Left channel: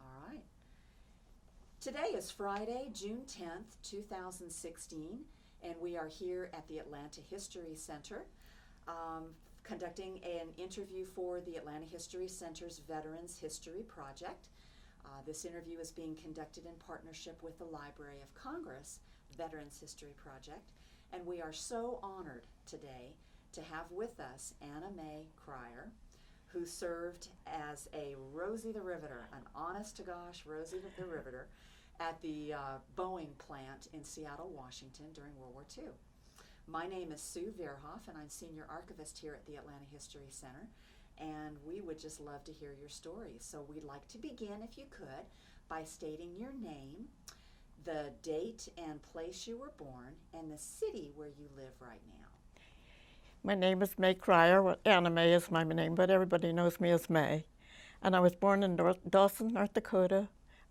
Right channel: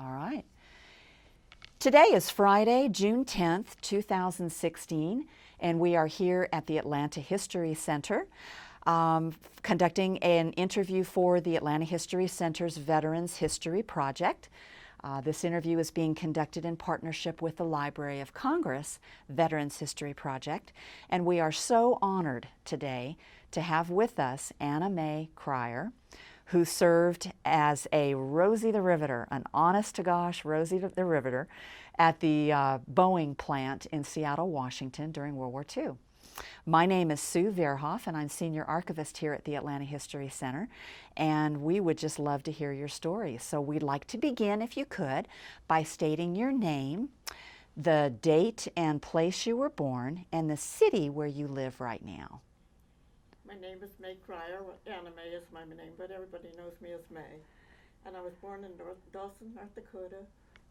All right. Today is Friday, June 10th, 2016, and we are here at the Atlanta History Center conducting an interview for the Atlanta History Center's Veterans History Project. This interview is being conducted in partnership with the Library of Congress Veterans History Project, and we are so honored today to have with us Anna Mae Krier, who served as a Rosie the Riveter, an honest-to-gosh Rosie the Riveter, at the Boeing plant in Seattle, Washington during World War II. My name is Sue Verhoff, and I'm Senior Archivist here at the Atlanta History Center, and we would just love to hear your story. So we'd like to begin, if you could, by stating your name, the date and place you were born, and the city where you live right now. My name is Mae Krier. Well, Anna Mae is my name, but everybody knows me as Mae. And I was born in Dawson, North Dakota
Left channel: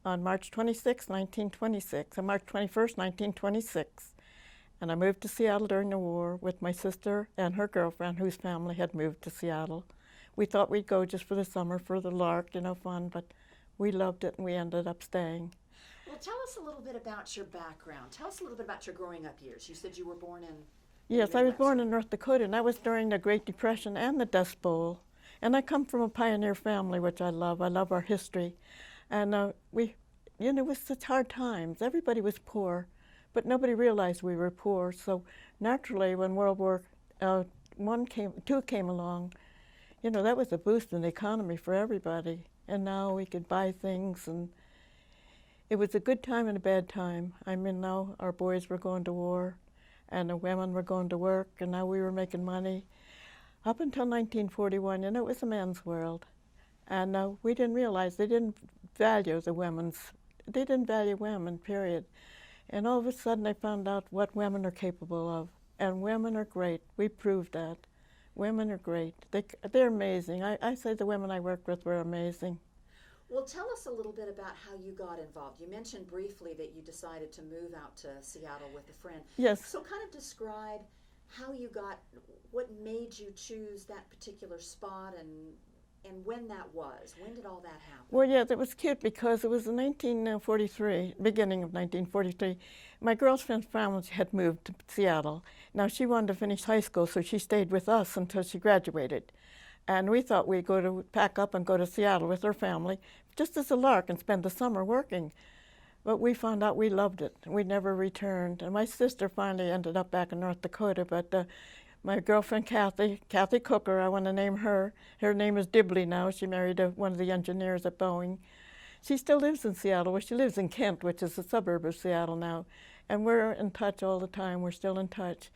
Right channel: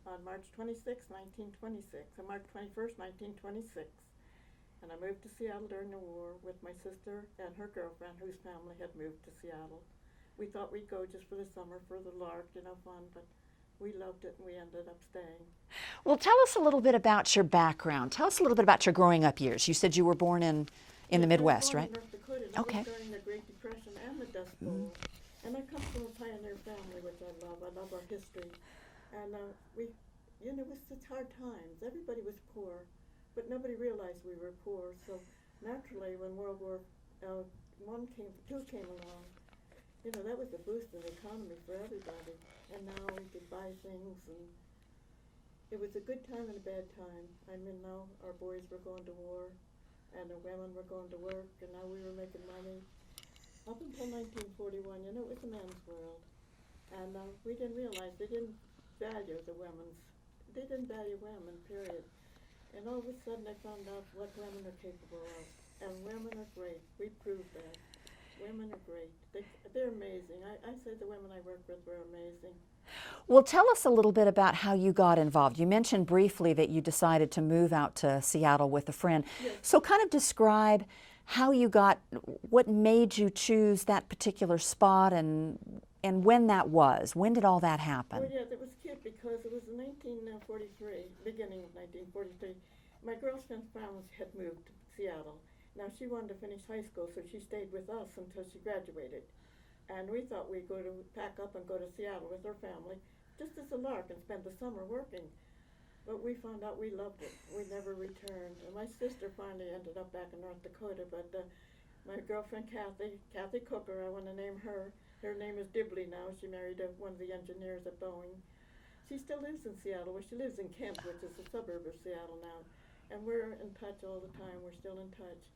on March 26, 1926, and March 21st, 1926. And I moved to Seattle during the war with my sister and her girlfriend, whose family had moved to Seattle. We thought we'd go just for the summer, for the lark, fun, but we loved it and we ended up staying. Well, tell us a little bit about your background. Tell us a little bit about your growing up years. You said you were born in the Midwest, right? Yes, I was born right? in North Dakota, and that was during the Great Depression and the Dust Bowl. And I come from a pioneer family, which I love. I love our history. And it was such hard times. Everybody was poor, but nobody realized we were poor. So naturally, when World War II came along, that was a boost in the economy for everybody. And now we could buy things, and it was a good time and a bad time. I mean, now our boys were going to war, and the women were going to work, and now we were making money. Up until 1941, it was a man's world. And we didn't realize they didn't value they didn't value women, period. And all of a sudden I found out what women are capable of. And women are great. We proved that. Women are great. They're amazing. I say the women I worked with were amazing. Well, tell us a little bit about how you got involved. You mentioned briefly that you decided to move out to Seattle with a friend. Yes. So kind of describe how you what made you choose that particular spot and when that was. When did all that happen? Well, yes, it was cute because it was in 1943, beginning of 1943. My girlfriend's family had moved to Seattle. Now, she wanted to finish high school, so she stayed with us until she graduated. And we thought we'd pack up and go to Seattle with her family, just as a lark, and spend the summer working. But we found out we loved it. We never returned. And my sister finally ended up back in North Dakota, but my girlfriend Kathy Cooker, I want to name her. Her name is Dibley now. She married one of the engineers at Boeing. She still lives in Seattle. Well, she lives in Kent, which is a suburb of Seattle now. And we're in touch all the time. We're still in touch.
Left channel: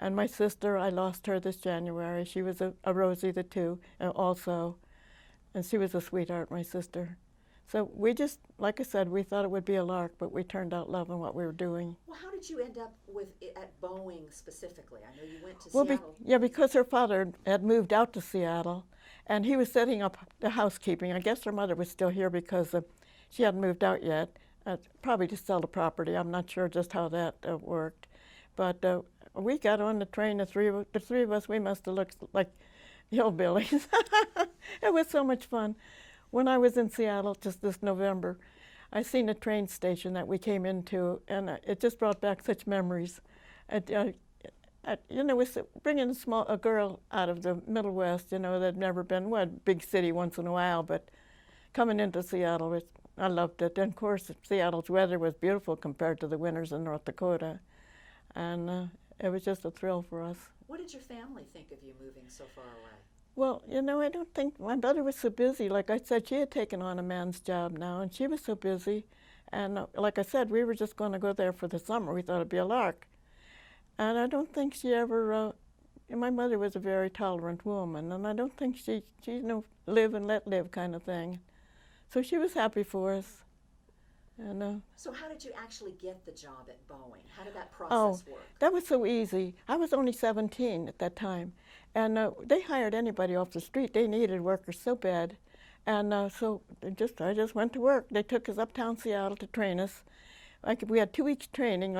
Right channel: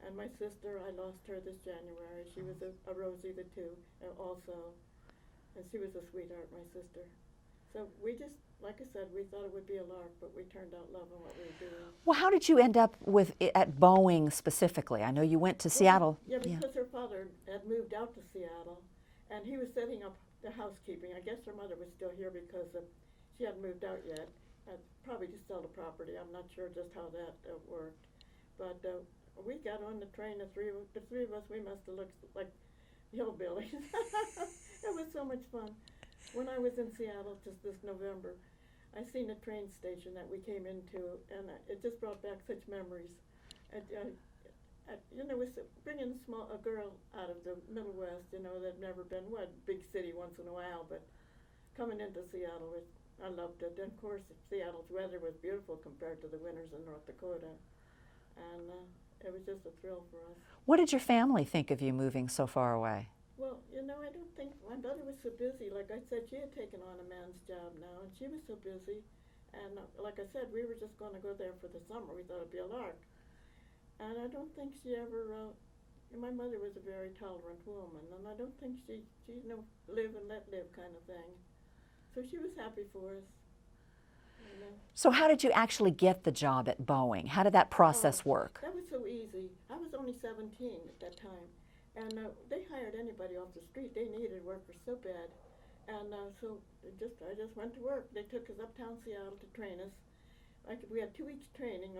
And my sister, I lost her this January. She was a Rosie the two also. And she was a sweetheart, my sister. So we just, like I said, we thought it would be a lark, but we turned out loving what we were doing. Well, how did you end up at Boeing specifically? I know you went to Seattle. Because her father had moved out to Seattle, and he was setting up the housekeeping. I guess her mother was still here because she hadn't moved out yet, probably to sell the property. I'm not sure just how that worked. But we got on the train, the three of us, we must have looked like hillbillies. It was so much fun. When I was in Seattle just this November, I seen a train station that we came into, and it just brought back such memories. It was bringing a girl out of the Middle West, that'd never been, big city once in a while, but coming into Seattle, I loved it. And of course, Seattle's weather was beautiful compared to the winters in North Dakota. And it was just a thrill for us. What did your family think of you moving so far away? Well, I don't think, my mother was so busy. Like I said, she had taken on a man's job now, and she was so busy. And like I said, we were just going to go there for the summer. We thought it'd be a lark. And I don't think she ever, my mother was a very tolerant woman, and I don't think she live and let live kind of thing. So she was happy for us. And, so how did you actually get the job at Boeing? How did that process work? That was so easy. I was only 17 at that time. And they hired anybody off the street. They needed workers so bad. And so I just went to work. They took us uptown Seattle to train us. We had 2 weeks training.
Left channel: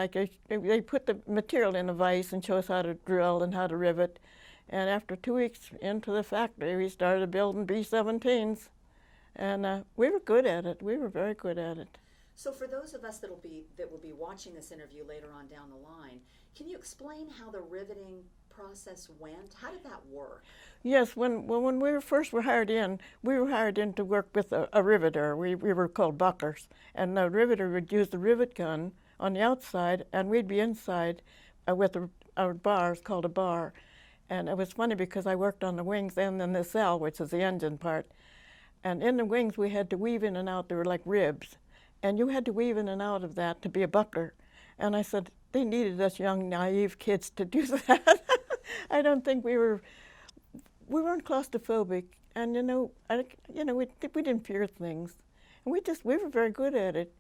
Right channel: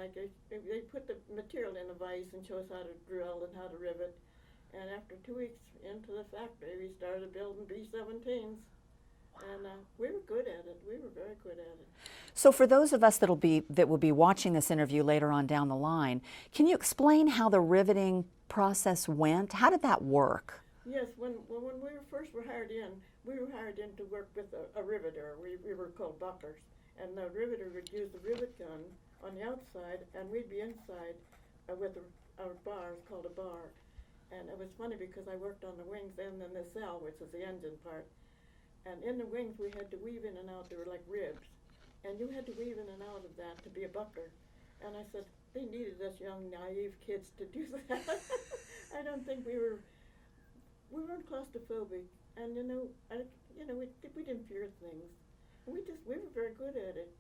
They put the material in a vise and show us how to drill and how to rivet. And after 2 weeks into the factory, we started building B-17s. And we were good at it. We were very good at it. So for those of us that will be watching this interview later on down the line, can you explain how the riveting process went? How did that work? Yes, when we were hired in, we were hired in to work with a riveter. We were called buckers. And the riveter would use the rivet gun on the outside, and we'd be inside with our bars, called a bar. And it was funny because I worked on the wings and in the cell, which is the engine part. And in the wings, we had to weave in and out. They were like ribs. And you had to weave in and out of that to be a bucker. And I said, they needed us young, naive kids to do that. I don't think we weren't claustrophobic. And, we didn't fear things. And we were very good at it.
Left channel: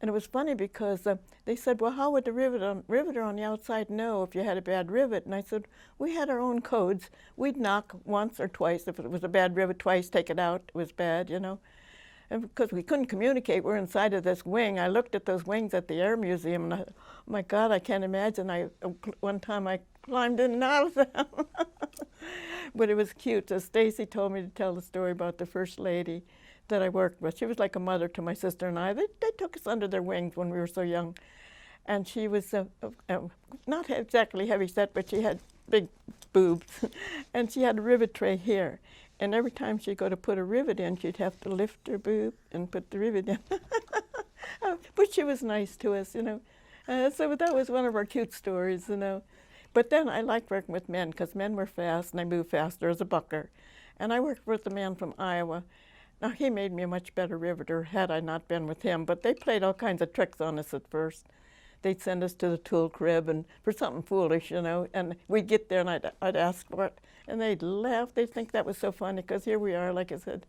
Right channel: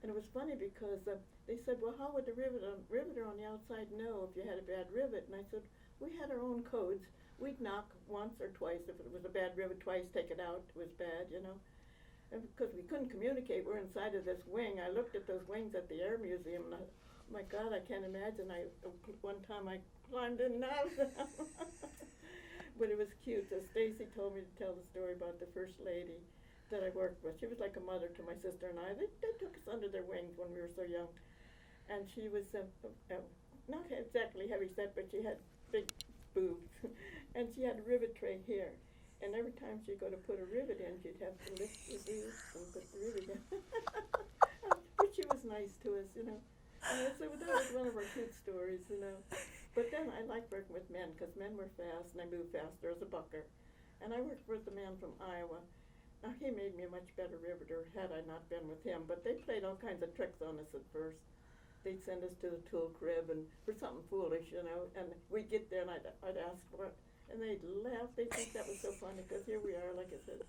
And it was funny because they said, well, how would the riveter on the outside know if you had a bad rivet? And I said, we had our own codes. We'd knock once or twice. If it was a bad rivet, twice, take it out. It was bad, And because we couldn't communicate, we're inside of this wing. I looked at those wings at the Air Museum, and oh my God, I can't imagine. One time I climbed in and out of them. But it was cute. So Stacy told me to tell the story about the First Lady that I worked with. She was like a mother to my sister and I. They took us under their wings when we were so young. And she was not exactly heavy set, but she had big boobs. And she had a rivet tray here. And every time she'd go to put a rivet in, she'd have to lift her boob and put the rivet in. But she was nice to us, So that was one of our cute stories, But then I liked working with men because men were fast and I moved faster as a bucker. And I worked with a man from Iowa. Now, he made me a much better riveter had I not been with him, but they played all kinds of tricks on us at first. They'd send us to the tool crib and for something foolish, and we'd get there and I'd ask for it, and they'd laugh. They'd think that was so funny because here we are, like I said.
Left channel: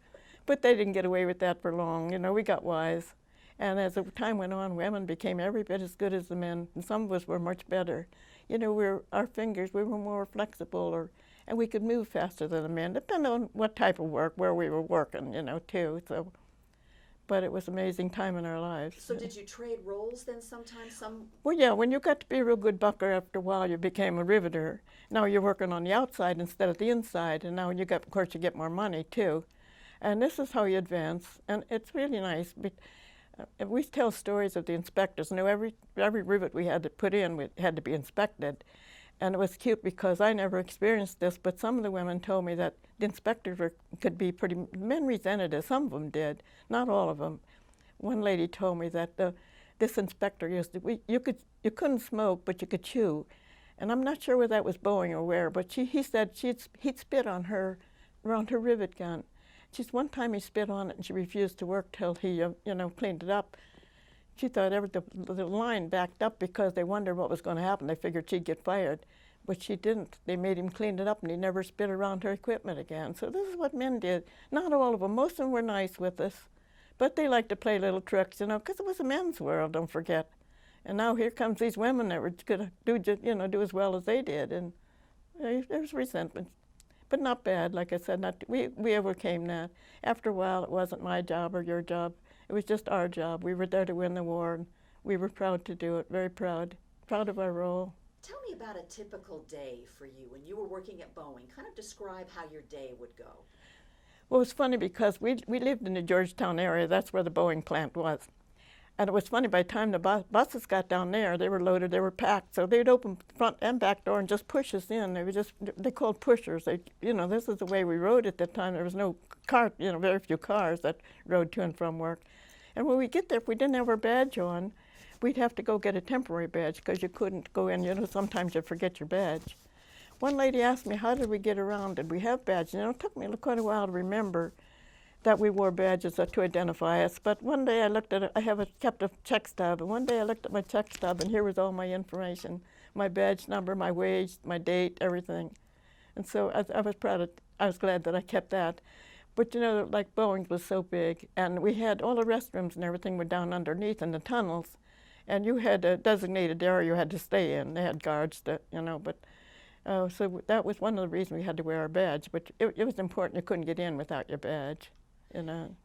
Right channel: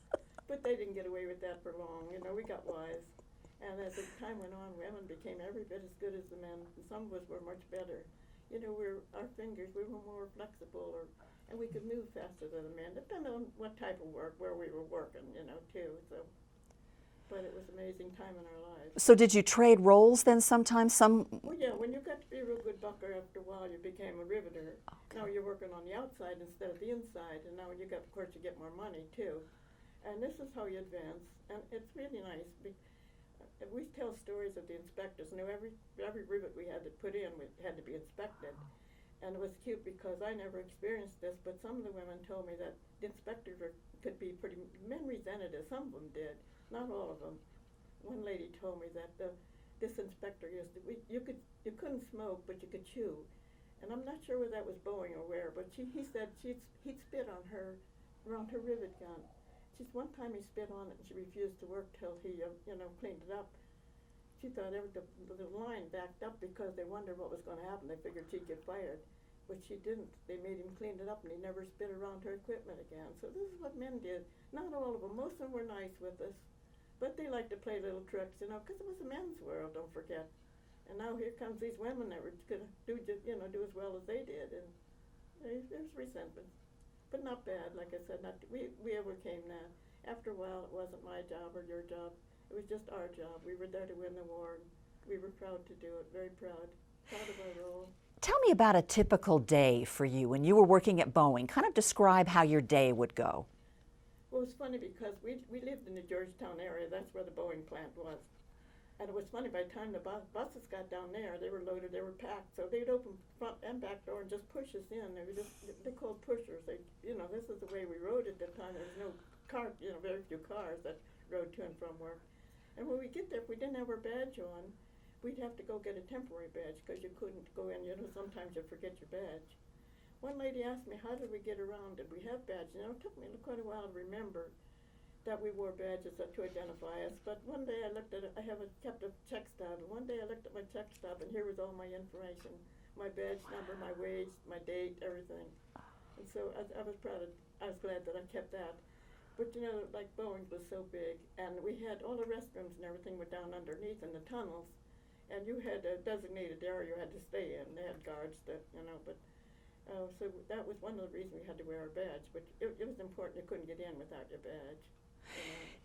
But they didn't get away with that for long, we got wise. And as the time went on, women became every bit as good as the men, and some of us were much better. Our fingers, we were more flexible, and we could move faster than the men, depending on what type of work, where we were working, too. So, but it was an amazing time in our lives. So did you trade roles then sometimes? Well, yeah, when you got to be a real good bucker, after a while you became a riveter. Now you're working on the outside instead of the inside, and now of course, you get more money, too. And this is how you advance, and it's really nice. We tell stories of the inspectors. Every rivet we had to put in had to be inspected. And it was cute because I never experienced this, but some of the women told me that the inspectors could be men resented it. Some of them did, not all of them. One lady told me that this inspector you couldn't smoke, but you could chew. And I'm not sure whether that was Boeing or where, but he said he'd spit on her, around her rivet gun. One time he spit on it and she refused to work till he, cleaned it up. She thought the line backed up because they wondered what was going to happen. They figured she'd get fired, but she didn't. They made him clean it up, and he never spit around her equipment again. So this is what men did. Not all of them. Most of them were nice with us, but they liked to play little tricks, because it was a men's world, don't forget. And now here comes these women that were going to do as well as they did, and there was resentment. But not bad, like I said. We overcame that. After a while, it wasn't my job or your job. It was just our job. We were there to win the war, and we were proud to do it, very proud of our role. Tell me about a typical day for you when you were working at Boeing. Kind of describe how your day would go. Well, it was funny because we lived in the Georgetown area. That's where the Boeing plant was. And it was funny, by the time the buses got down there, they were loaded, they were packed. So they'd open front and back door and just push us in. They called pushers. This is the way we rode at that time. There was no car, very few cars that rode to and from work. And when we get there, if we didn't have our badge on, we'd have to go get a temporary badge because you couldn't go in. Sometimes you forget your badge. One lady asked me, how did we get around? Did we have badges? It took me quite a while to remember that we wore badges to identify us. But one day I looked at it. Kept a check stub, and one day I looked at my check stub, and here was all my information: my badge number, my wage, my date, everything. And so I was proud of. I was glad that I kept that. But like Boeing was so big, and we had all the restrooms and everything were down underneath in the tunnels, and you had a designated area you had to stay in. They had guards that, but. So that was one of the reasons we had to wear our badge. But it was important. You couldn't get in without your badge.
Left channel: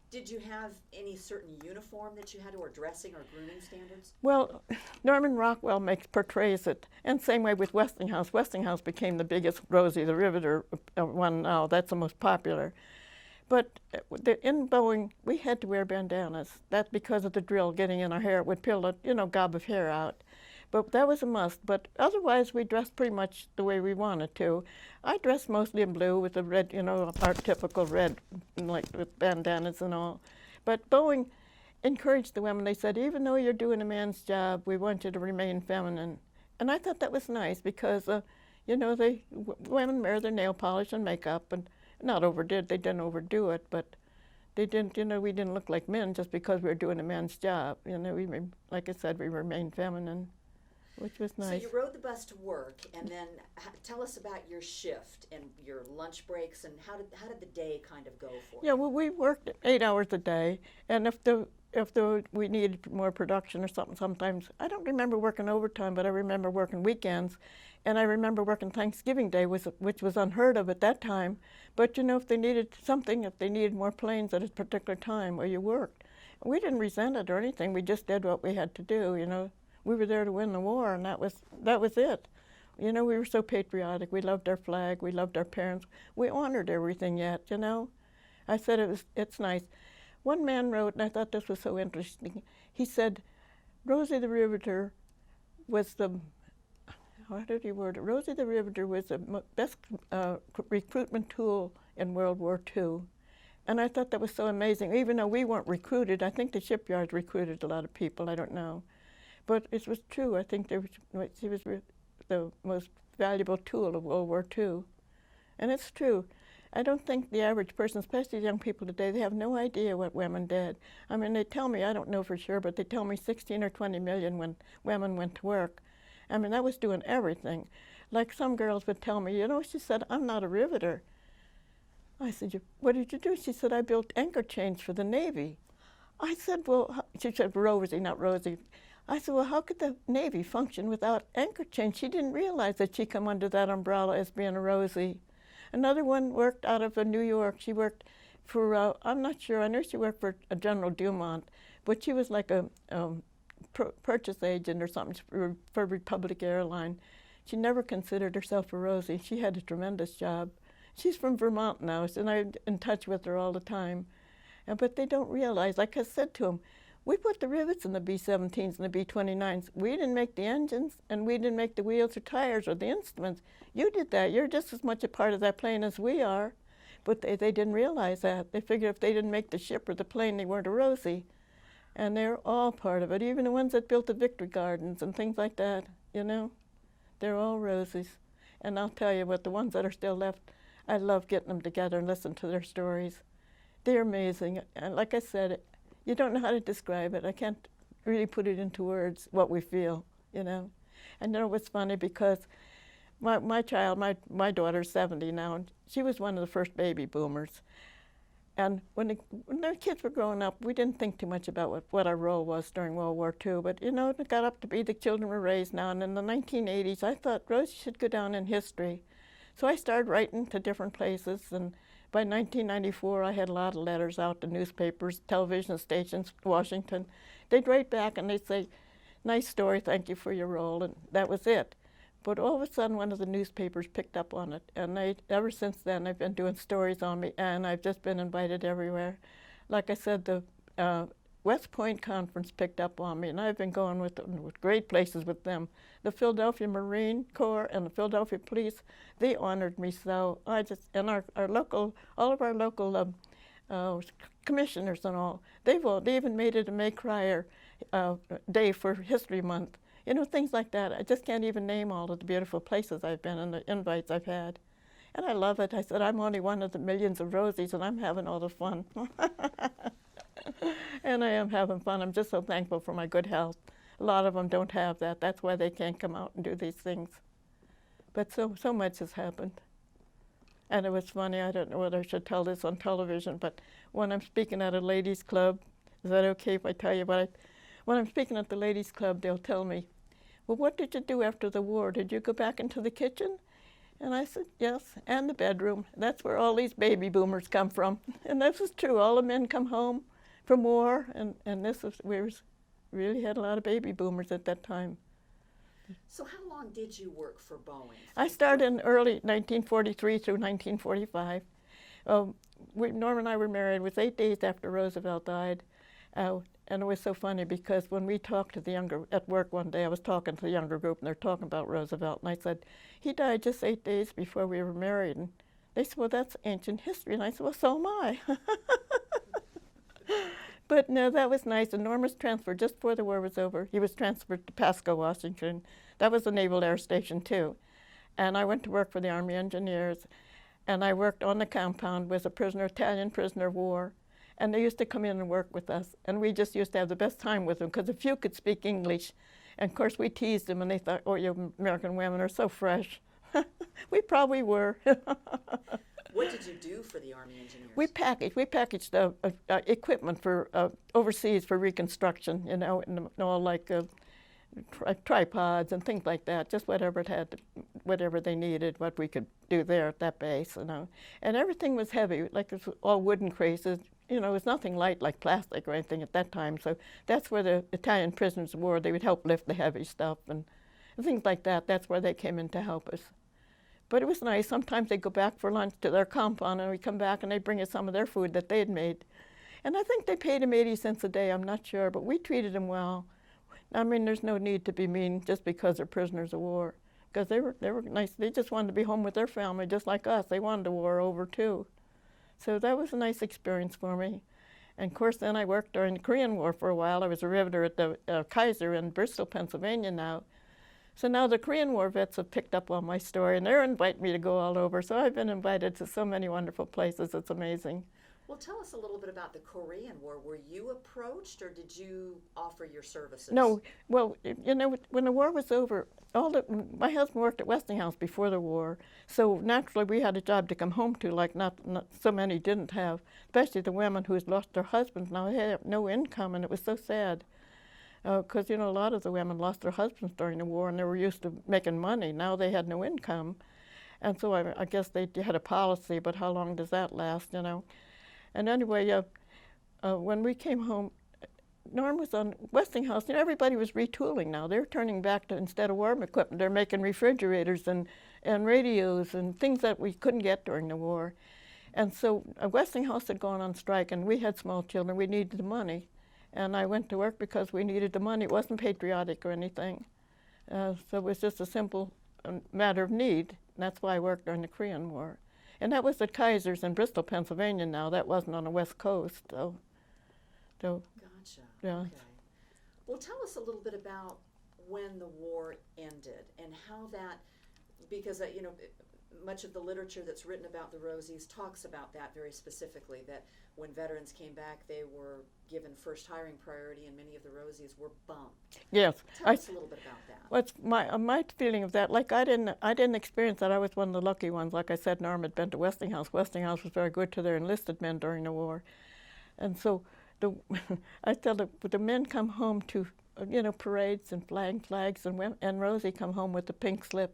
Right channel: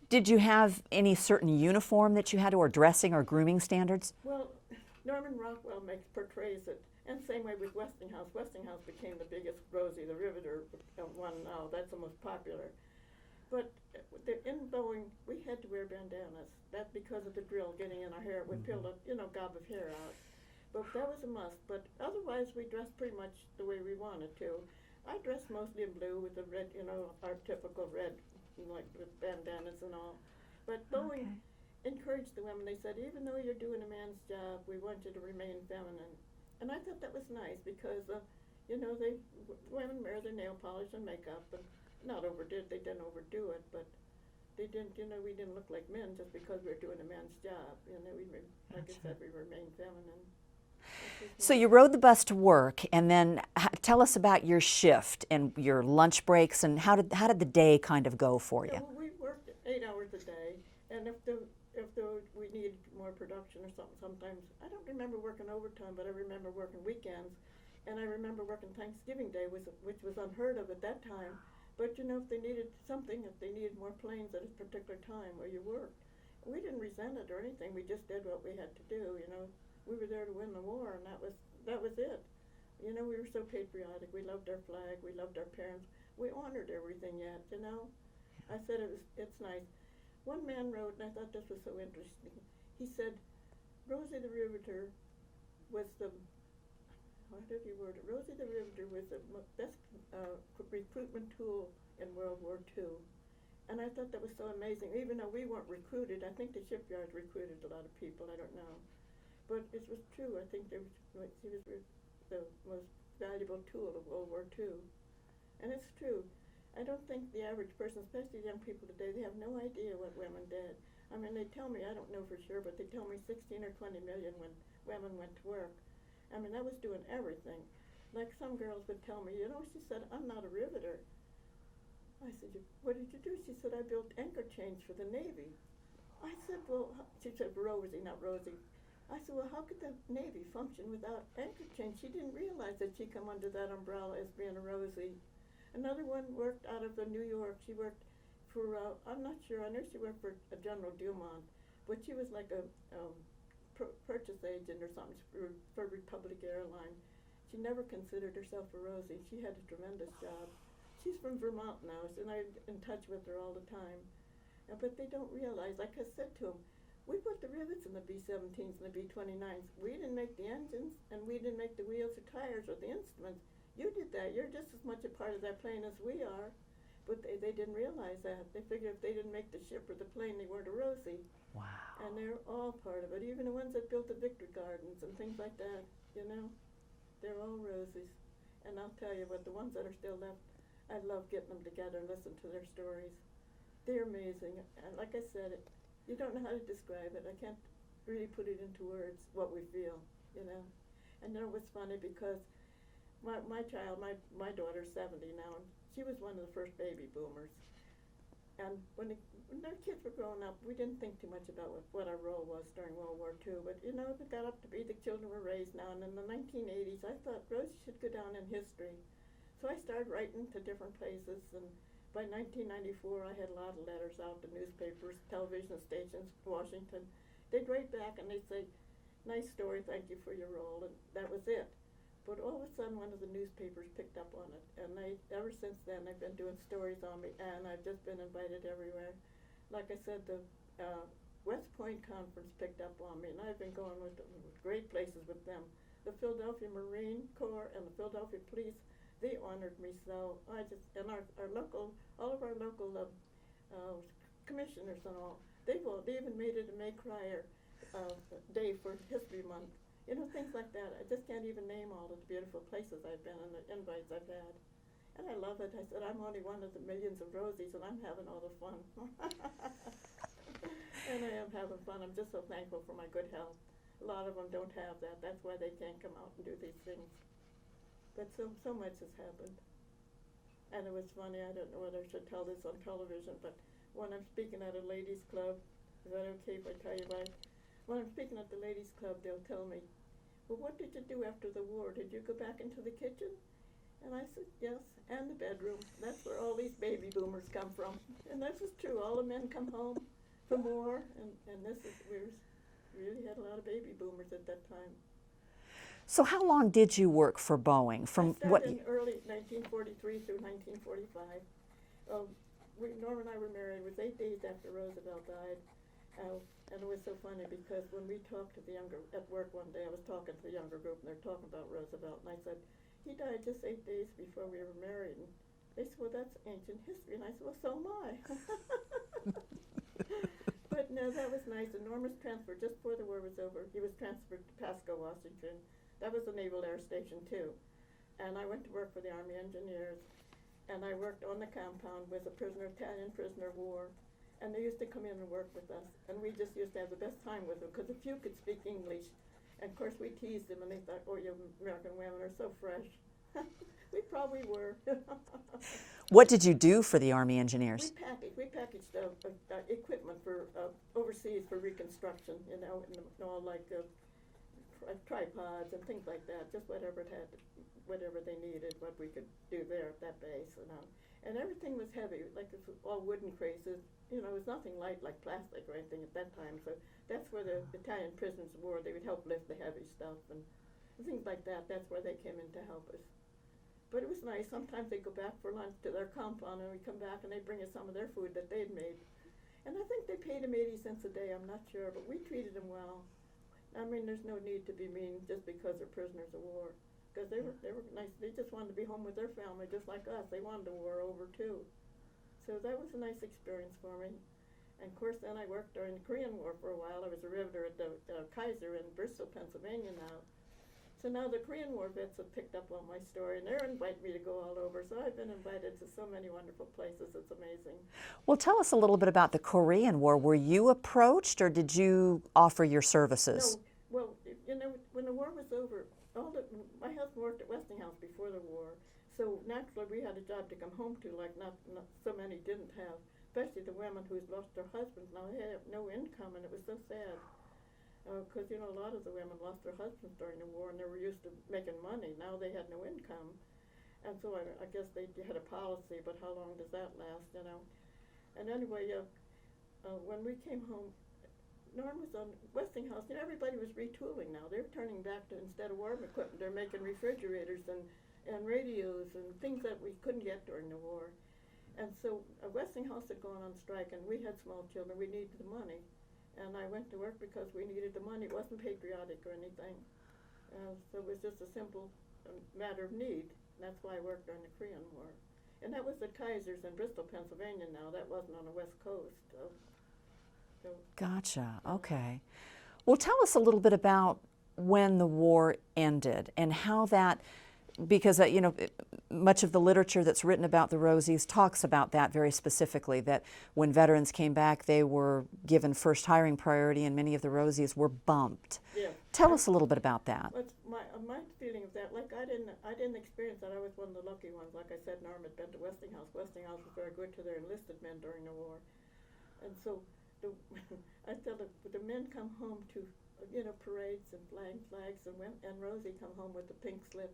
Did you have any certain uniform that you had to, or dressing or grooming standards? Well, Norman Rockwell portrays it, and same way with Westinghouse. Westinghouse became the biggest Rosie the Riveter one now. That's the most popular. But in Boeing, we had to wear bandanas. That's because of the drill getting in our hair. It would peel a gob of hair out. But that was a must. But otherwise, we dressed pretty much the way we wanted to. I dressed mostly in blue with the red, our typical red, like with bandanas and all. But Boeing encouraged the women. They said, even though you're doing a man's job, we want you to remain feminine. And I thought that was nice because, women wear their nail polish and makeup and not overdid. They didn't overdo it, but they didn't, we didn't look like men just because we were doing a man's job. Like I said, we remained feminine, which was nice. So you rode the bus to work, and then tell us about your shift and your lunch breaks, and how did the day kind of go for you? Yeah, well, we worked 8 hours a day, and if we needed more production or something, sometimes I don't remember working overtime, but I remember working weekends, and I remember working Thanksgiving Day, which was unheard of at that time. But if they needed something, if they needed more planes at a particular time, well, you worked. We didn't resent it or anything. We just did what we had to do. We were there to win the war, and that was it. We were so patriotic. We loved our flag. We loved our parents. We honored everything yet. I said it's nice. One man wrote, and I thought this was so interesting. He said, Rosie the Riveter was the, how did he word it? Rosie the Riveter was the best recruitment tool in World War II. And I thought that was so amazing. Even though we weren't recruited, I think the shipyards recruited a lot of people, I don't know. But it was true. I think she was the most valuable tool of World War II. And it's true. I don't think the average person, especially young people today, they have no idea what women did. I mean, they tell me, I don't know for sure, but they tell me 16 or 20 million when women went to work. I mean, that was doing everything. Like some girls would tell me, she said, I'm not a riveter. I said, what did you do? She said, I built anchor chains for the Navy. I said, well, she said, Rosie, not Rosie. I said, well, how could the Navy function without anchor chains? She didn't realize that she'd come under that umbrella as being a Rosie. Another one worked out of New York. She worked for, I'm not sure, I know she worked for General Dumont, but she was like a purchase agent or something for Republic Airline. She never considered herself a Rosie. She had a tremendous job. She's from Vermont now, and I'm in touch with her all the time. But they don't realize, like I said to them, we put the rivets in the B-17s and the B-29s. We didn't make the engines, and we didn't make the wheels or tires or the instruments. You did that. You're just as much a part of that plane as we are. But they didn't realize that. They figured if they didn't make the ship or the plane, they weren't a Rosie. Wow. And they're all part of it, even the ones that built the Victory Gardens and things like that, They're all Rosies. And I'll tell you what, the ones that are still left, I love getting them together and listening to their stories. They're amazing. And like I said, you don't know how to describe it. I can't really put it into words, what we feel, And it was funny because my daughter's 70 now, and she was one of the first baby boomers. And when their kids were growing up, we didn't think too much about what our role was during World War II. But, it got up to be the children were raised now. And in the 1980s, I thought Rosie should go down in history. So I started writing to different places. And by 1994, I had a lot of letters out to newspapers, television stations, Washington. They'd write back and they'd say, nice story, thank you for your role. And that was it. But all of a sudden, one of the newspapers picked up on it, and ever since then, I've been doing stories on me, and I've just been invited everywhere. Like I said, the West Point Conference picked up on me, and I've been going with great places with them. The Philadelphia Marine Corps and the Philadelphia Police, they honored me so. And all of our local commissioners and all, they even made it a May Krier Day for History Month. Things like that. I just can't even name all of the beautiful places I've been and the invites I've had. And I love it. I said, I'm only one of the millions of Rosies, and I'm having all the fun. And I am having fun. I'm just so thankful for my good health. A lot of them don't have that. That's why they can't come out and do these things. But so much has happened. And it was funny. I don't know whether I should tell this on television, but when I'm speaking at a ladies' club, is that okay if I tell you when I'm speaking at the ladies' club, they'll tell me, well, what did you do after the war? Did you go back into the kitchen? And I said, yes, and the bedroom. That's where all these baby boomers come from. And this is true. All the men come home from war, and we really had a lot of baby boomers at that time. So how long did you work for Boeing? I started in early 1943 through 1945. Norm and I were married. It was 8 days after Roosevelt died. And it was so funny because when we talked to the younger, at work one day, I was talking to the younger group and they're talking about Roosevelt. And I said, he died just 8 days before we were married. And they said, well, that's ancient history. And I said, well, so am I. But no, that was nice. And Norm was transferred just before the war was over. He was transferred to Pasco, Washington. That was a Naval Air Station, too. And I went to work for the Army Engineers. And I worked on the compound with a prisoner, Italian prisoner of war. And they used to come in and work with us. And we just used to have the best time with them because a few could speak English. And of course, we teased them and they thought, oh, you American women are so fresh. We probably were. What did you do for the Army Engineers? We packaged equipment for overseas for reconstruction, you know, and all like tripods and things like that, just whatever it had, whatever they needed, what we could do there at that base, you know. And everything was heavy, like it was all wooden crates. You know, it was nothing light like plastic or anything at that time. So that's where the Italian prisoners of war, they would help lift the heavy stuff and things like that. That's where they came in to help us. But it was nice. Sometimes they'd go back for lunch to their compound and we'd come back and they'd bring us some of their food that they had made. And I think they paid them 80 cents a day, I'm not sure, but we treated them well. I mean, there's no need to be mean just because they're prisoners of war, because they were nice. They just wanted to be home with their family just like us. They wanted the war over too. So that was a nice experience for me. And of course, then I worked during the Korean War for a while. I was a riveter at the Kaiser in Bristol, Pennsylvania now. So now the Korean War vets have picked up on my story, and they're inviting me to go all over. So I've been invited to so many wonderful places. It's amazing. Well, tell us a little bit about the Korean War. Were you approached, or did you offer your services? No. Well, you know, when the war was over, my husband worked at Westinghouse before the war, so naturally we had a job to come home to, like not so many didn't have, especially the women who had lost their husbands. Now they had no income, and it was so sad. Because, you know, a lot of the women lost their husbands during the war and they were used to making money. Now they had no income. And so I guess they had a policy, but how long does that last, you know? And anyway, when we came home, Norm was on Westinghouse. You know, everybody was retooling now. They're turning back to, instead of war equipment, they're making refrigerators and radios and things that we couldn't get during the war. And so Westinghouse had gone on strike and we had small children. We needed the money. And I went to work because we needed the money. It wasn't patriotic or anything. So it was just a simple matter of need. And that's why I worked during the Korean War. And that was at Kaiser's in Bristol, Pennsylvania now. That wasn't on the West Coast. So Gotcha. Yeah. Okay. Well, tell us a little bit about when the war ended and how that, because you know, much of the literature that's written about the Rosies talks about that very specifically, that when veterans came back, they were given first hiring priority and many of the Rosies were bumped. yes. Tell us a little bit about that. What's my feeling of that? Like I didn't experience that. I was one of the lucky ones. Like I said, Norm had been to Westinghouse. Westinghouse was very good to their enlisted men during the war, and so I tell the men come home to, you know, parades and flags, and Rosie come home with the pink slip.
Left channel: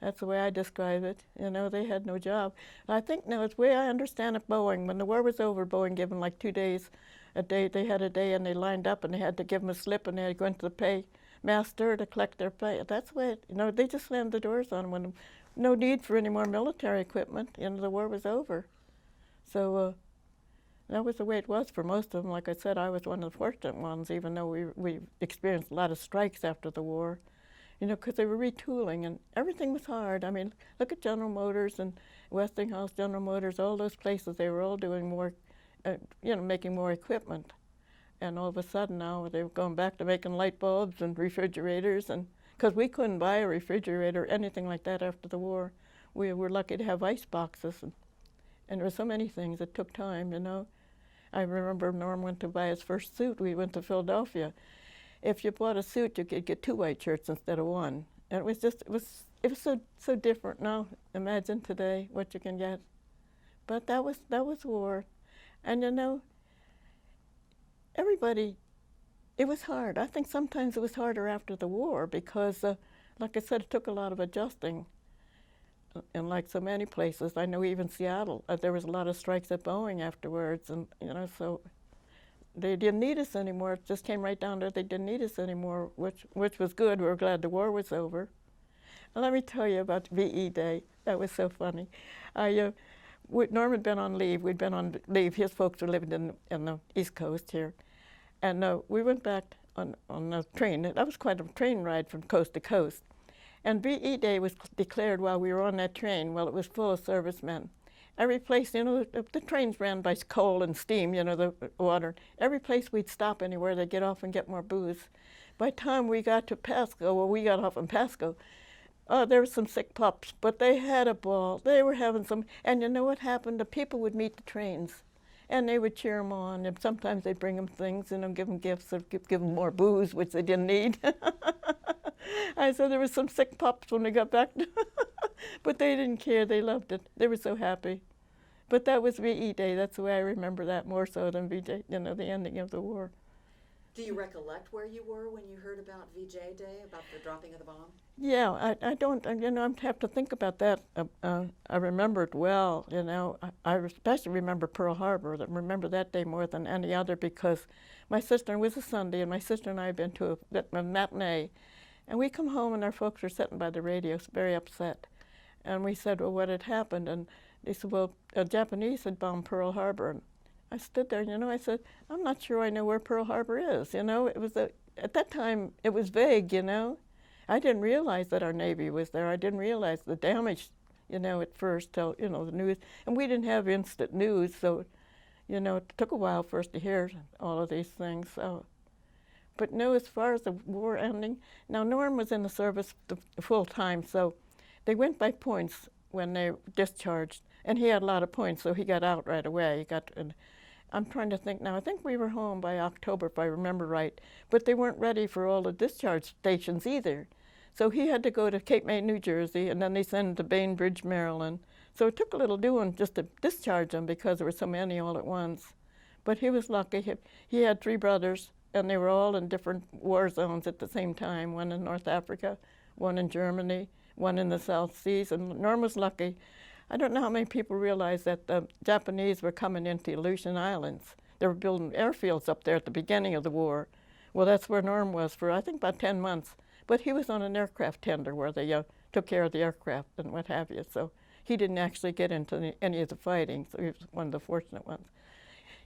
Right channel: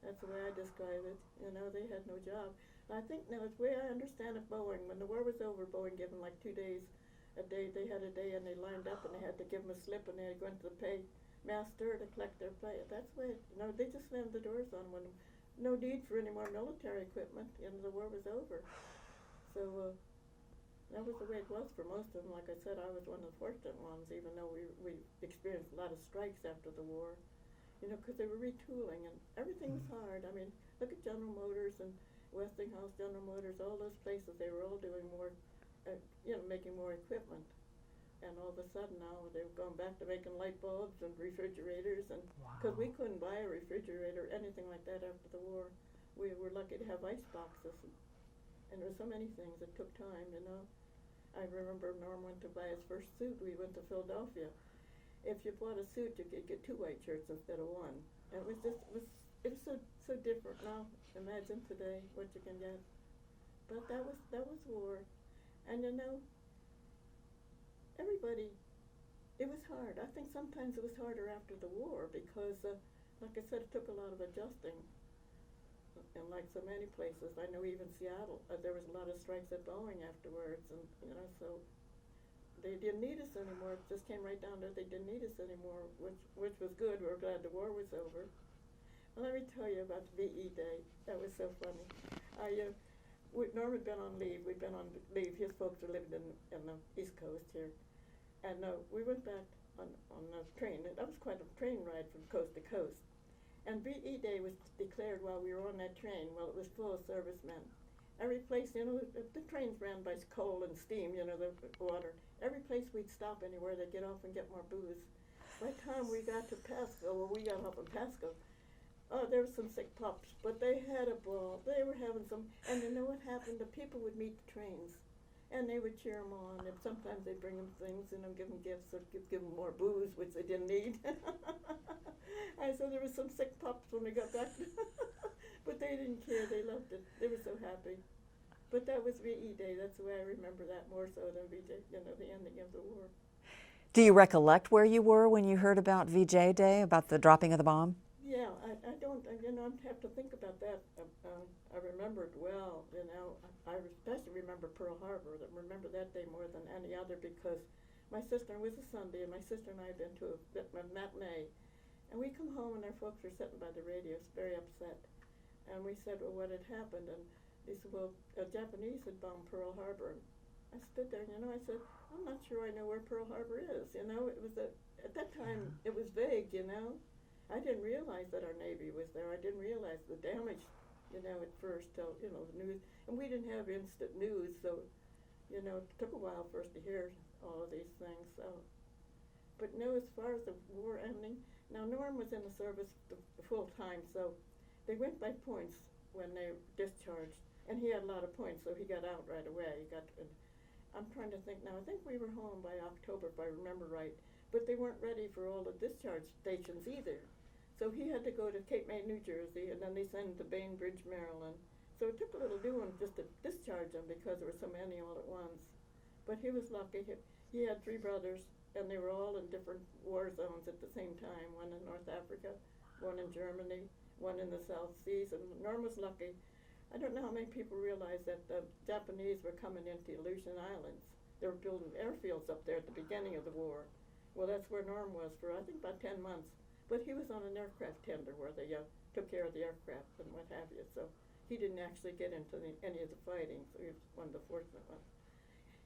That's the way I describe it. You know, they had no job. I think now it's the way I understand it. Boeing, when the war was over, Boeing gave them like 2 days, a day. They had a day and they lined up and they had to give them a slip and they had to go into the paymaster to collect their pay. That's the way it, you know, they just slammed the doors on them when no need for any more military equipment. You know, the war was over. So that was the way it was for most of them. Like I said, I was one of the fortunate ones, even though we experienced a lot of strikes after the war. You know, because they were retooling and everything was hard. I mean, look at General Motors and Westinghouse, General Motors, all those places. They were all doing more, you know, making more equipment. And all of a sudden now they were going back to making light bulbs and refrigerators. And because we couldn't buy a refrigerator or anything like that after the war. We were lucky to have ice boxes. And there were so many things. It took time, you know. I remember Norm went to buy his first suit. We went to Philadelphia. If you bought a suit, you could get 2 white shirts instead of 1. And it was so different now. Imagine today what you can get. But that was war. And you know, everybody, it was hard. I think sometimes it was harder after the war because, like I said, it took a lot of adjusting. And like so many places, I know even Seattle, there was a lot of strikes at Boeing afterwards, and you know, so they didn't need us anymore. It just came right down to they didn't need us anymore, which was good. We were glad the war was over. And let me tell you about VE Day. That was so funny. Norm had been on leave. We'd been on leave. His folks were living in the East Coast here. And we went back on a train. That was quite a train ride from coast to coast. And VE Day was declared while we were on that train. Well, it was full of servicemen. Every place, the trains ran by coal and steam, the water. Every place we'd stop anywhere, they'd get off and get more booze. By the time we got to Pasco, we got off in Pasco, there were some sick pups, but they had a ball. They were having some, and you know what happened? The people would meet the trains, and they would cheer them on, and sometimes they'd bring them things, give them gifts, or give them more booze, which they didn't need. I said there were some sick pups when they got back, but they didn't care. They loved it. They were so happy. But that was VE Day. That's the way I remember that more so than VJ, the ending of the war. Do you recollect where you were when you heard about VJ Day, about the dropping of the bomb? Yeah, I don't, I have to think about that. I remember it well, I especially remember Pearl Harbor. I remember that day more than any other because my sister, it was a Sunday, and my sister and I had been to a matinee. And we come home, and our folks were sitting by the radio, very upset. And we said, well, what had happened? And they said, well, the Japanese had bombed Pearl Harbor. And I stood there, I said, I'm not sure I know where Pearl Harbor is. It was at that time, it was vague, I didn't realize that our Navy was there. I didn't realize the damage, at first till, the news. And we didn't have instant news, so, it took a while for us to hear all of these things. So. But no, as far as the war ending, now Norm was in the service full time, so they went by points when they discharged, and he had a lot of points, so he got out right away. I'm trying to think now. I think we were home by October, if I remember right, but they weren't ready for all the discharge stations either. So he had to go to Cape May, New Jersey, and then they sent him to Bainbridge, Maryland. So it took a little doing just to discharge him because there were so many all at once. But he was lucky. He had 3 brothers, and they were all in different war zones at the same time, one in North Africa, one in Germany, one in the South Seas, and Norm was lucky. I don't know how many people realize that the Japanese were coming into Aleutian Islands. They were building airfields up there at the beginning of the war. Well, that's where Norm was for, I think, about 10 months. But he was on an aircraft tender where they took care of the aircraft and what have you. So he didn't actually get into any of the fighting, so he was one of the fortunate ones.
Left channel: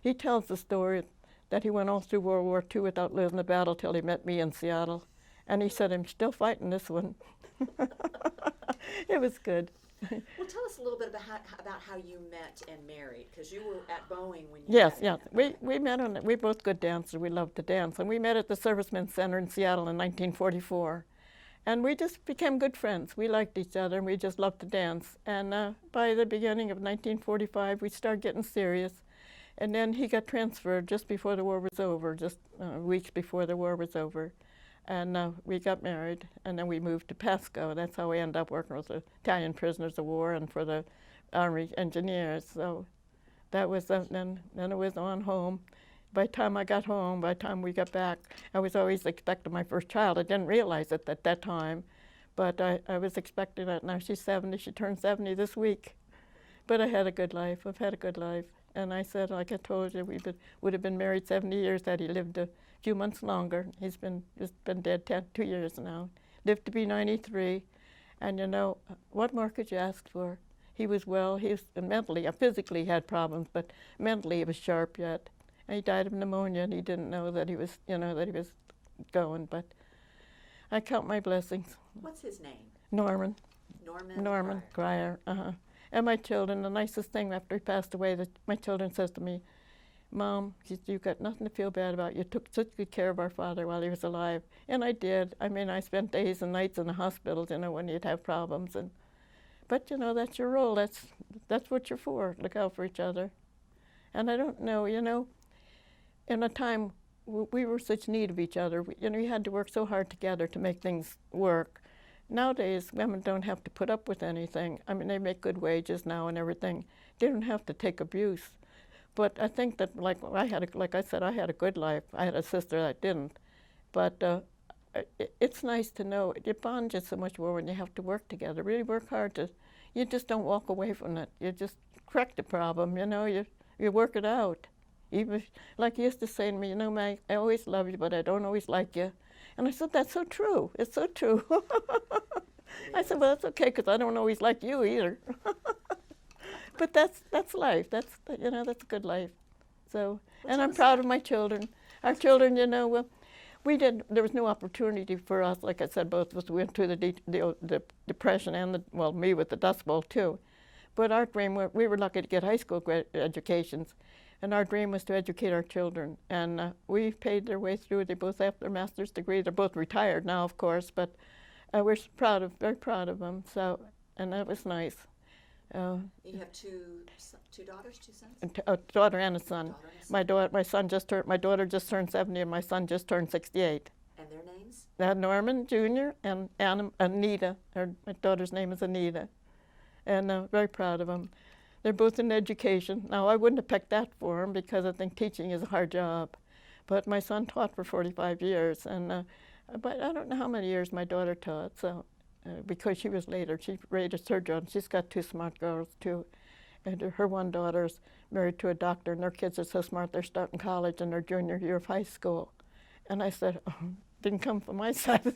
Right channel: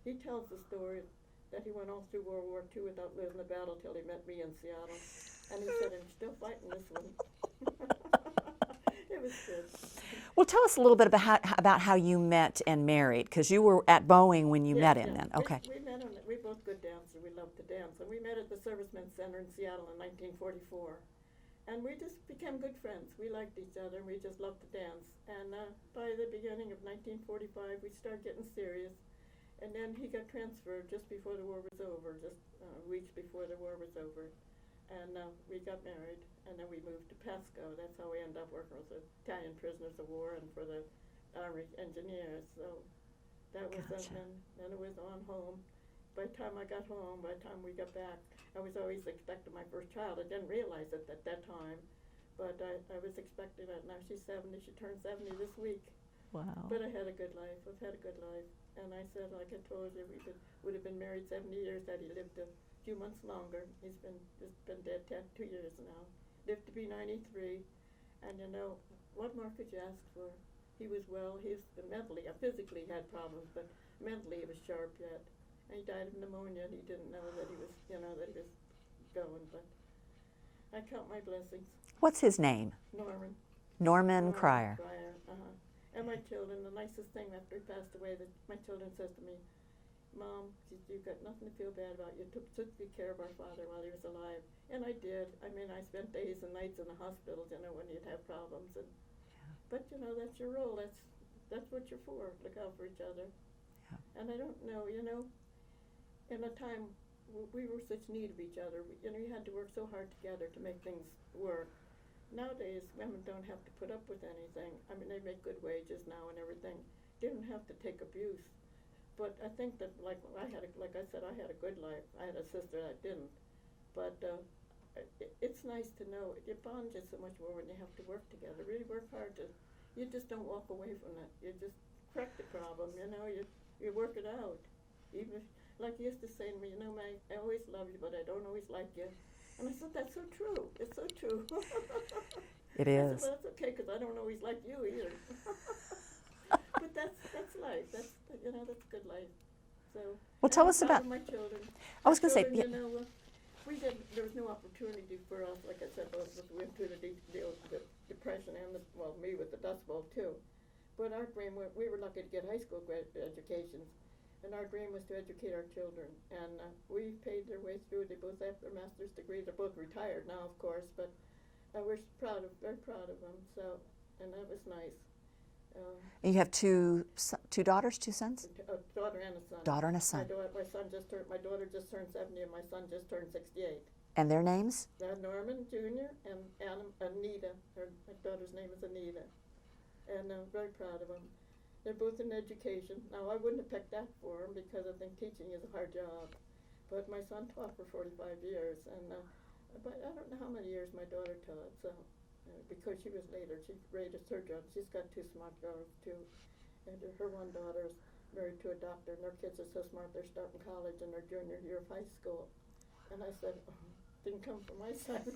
He tells the story that he went all through World War II without losing a battle till he met me in Seattle. And he said, I'm still fighting this one. It was good. Well, tell us a little bit about how you met and married, because you were at Boeing when you met him. Yes, then. Okay. we met we're both good dancers. We loved to dance. And we met at the Servicemen's Center in Seattle in 1944. And we just became good friends. We liked each other, and we just loved to dance. And by the beginning of 1945, we started getting serious. And then he got transferred just before the war was over, just weeks before the war was over. And we got married, and then we moved to Pasco. That's how we ended up working with the Italian prisoners of war and for the Army engineers. So that was, then it was on home. By the time I got home, by the time we got back, I was always expecting my first child. I didn't realize it at that time, but I was expecting it. Now she's 70. She turned 70 this week. Wow. But I had a good life. I've had a good life. And I said, like I told you, we would have been married 70 years had he lived a few months longer. He's been dead 2 years now. Lived to be 93. And what more could you ask for? He was well. He was mentally, physically had problems, but mentally he was sharp yet. And he died of pneumonia, and he didn't know that he was, that he was going. But I count my blessings. What's his name? Norman. Norman Krier. Krier, And my children, the nicest thing after he passed away, that my children says to me, Mom, you've got nothing to feel bad about. You took such good care of our father while he was alive. And I did. I mean, I spent days and nights in the hospitals, when he'd have problems. But, that's your role. That's what you're for. Look out for each other. And I don't know, in a time we were such need of each other. We had to work so hard together to make things work. Nowadays, women don't have to put up with anything. I mean, they make good wages now and everything. They don't have to take abuse. But I think that, like I said, I had a good life. I had a sister that didn't. But it's nice to know you bond just so much more when you have to work together. Really work hard you just don't walk away from it. You just correct the problem, you work it out. Even like he used to say to me, Meg, I always love you, but I don't always like you. And I said, that's so true. It's so true. It is. I said, well, that's okay, because I don't always like you either. But that's life. That's that's a good life. So Well, and tell I'm us proud about- of my children. I Our was gonna say, children, well, there was no opportunity for us. Like I said, both of us went through the depression and me with the Dust Bowl too. But our dream, we were lucky to get high school educations, and our dream was to educate our children. And we paid their way through. They both have their master's degree. They're both retired now, of course, but we're very proud of them. So, and that was nice. And you have two daughters, two sons? A daughter and a son. Daughter and a son. My daughter just turned 70, and my son just turned 68. And their names? Norman Jr. and Anita. My daughter's name is Anita, and very proud of them. They're both in education. Now, I wouldn't have picked that for them because I think teaching is a hard job. But my son taught for 45 years, and but I don't know how many years my daughter taught. So, because she was later, she raised her children. She's got two smart girls too, and her one daughter's married to a doctor, and their kids are so smart they're starting college in their junior year of high school. And I said, oh, didn't come from my side.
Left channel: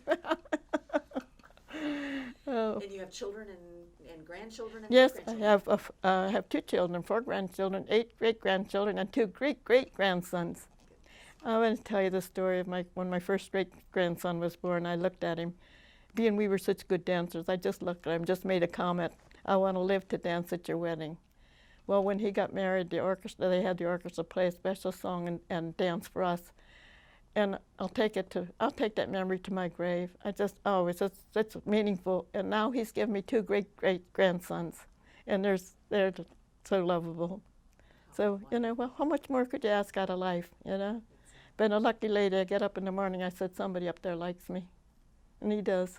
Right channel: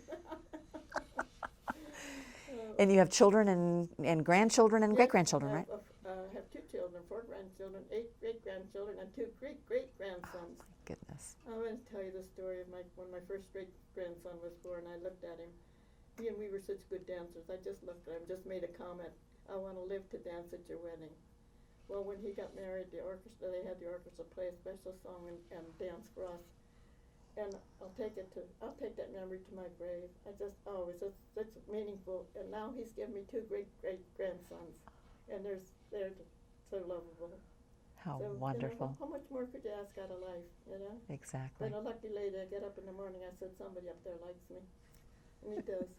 And you have children and grandchildren and Yes, great-grandchildren, right? I have 2 children, 4 grandchildren, 8 great-grandchildren, and 2 great-great-grandsons. Goodness. I want to tell you the story of when my first great-grandson was born. I looked at him. Being we were such good dancers, I just looked at him, just made a comment, I want to live to dance at your wedding. Well, when he got married, they had the orchestra play a special song and dance for us. And I'll take that memory to my grave. It's meaningful. And now he's given me 2 great-great-grandsons, and they're so lovable. How So, wonderful. how much more could you ask out of life, Exactly. Been a lucky lady. I get up in the morning, I said, somebody up there likes me. And he does.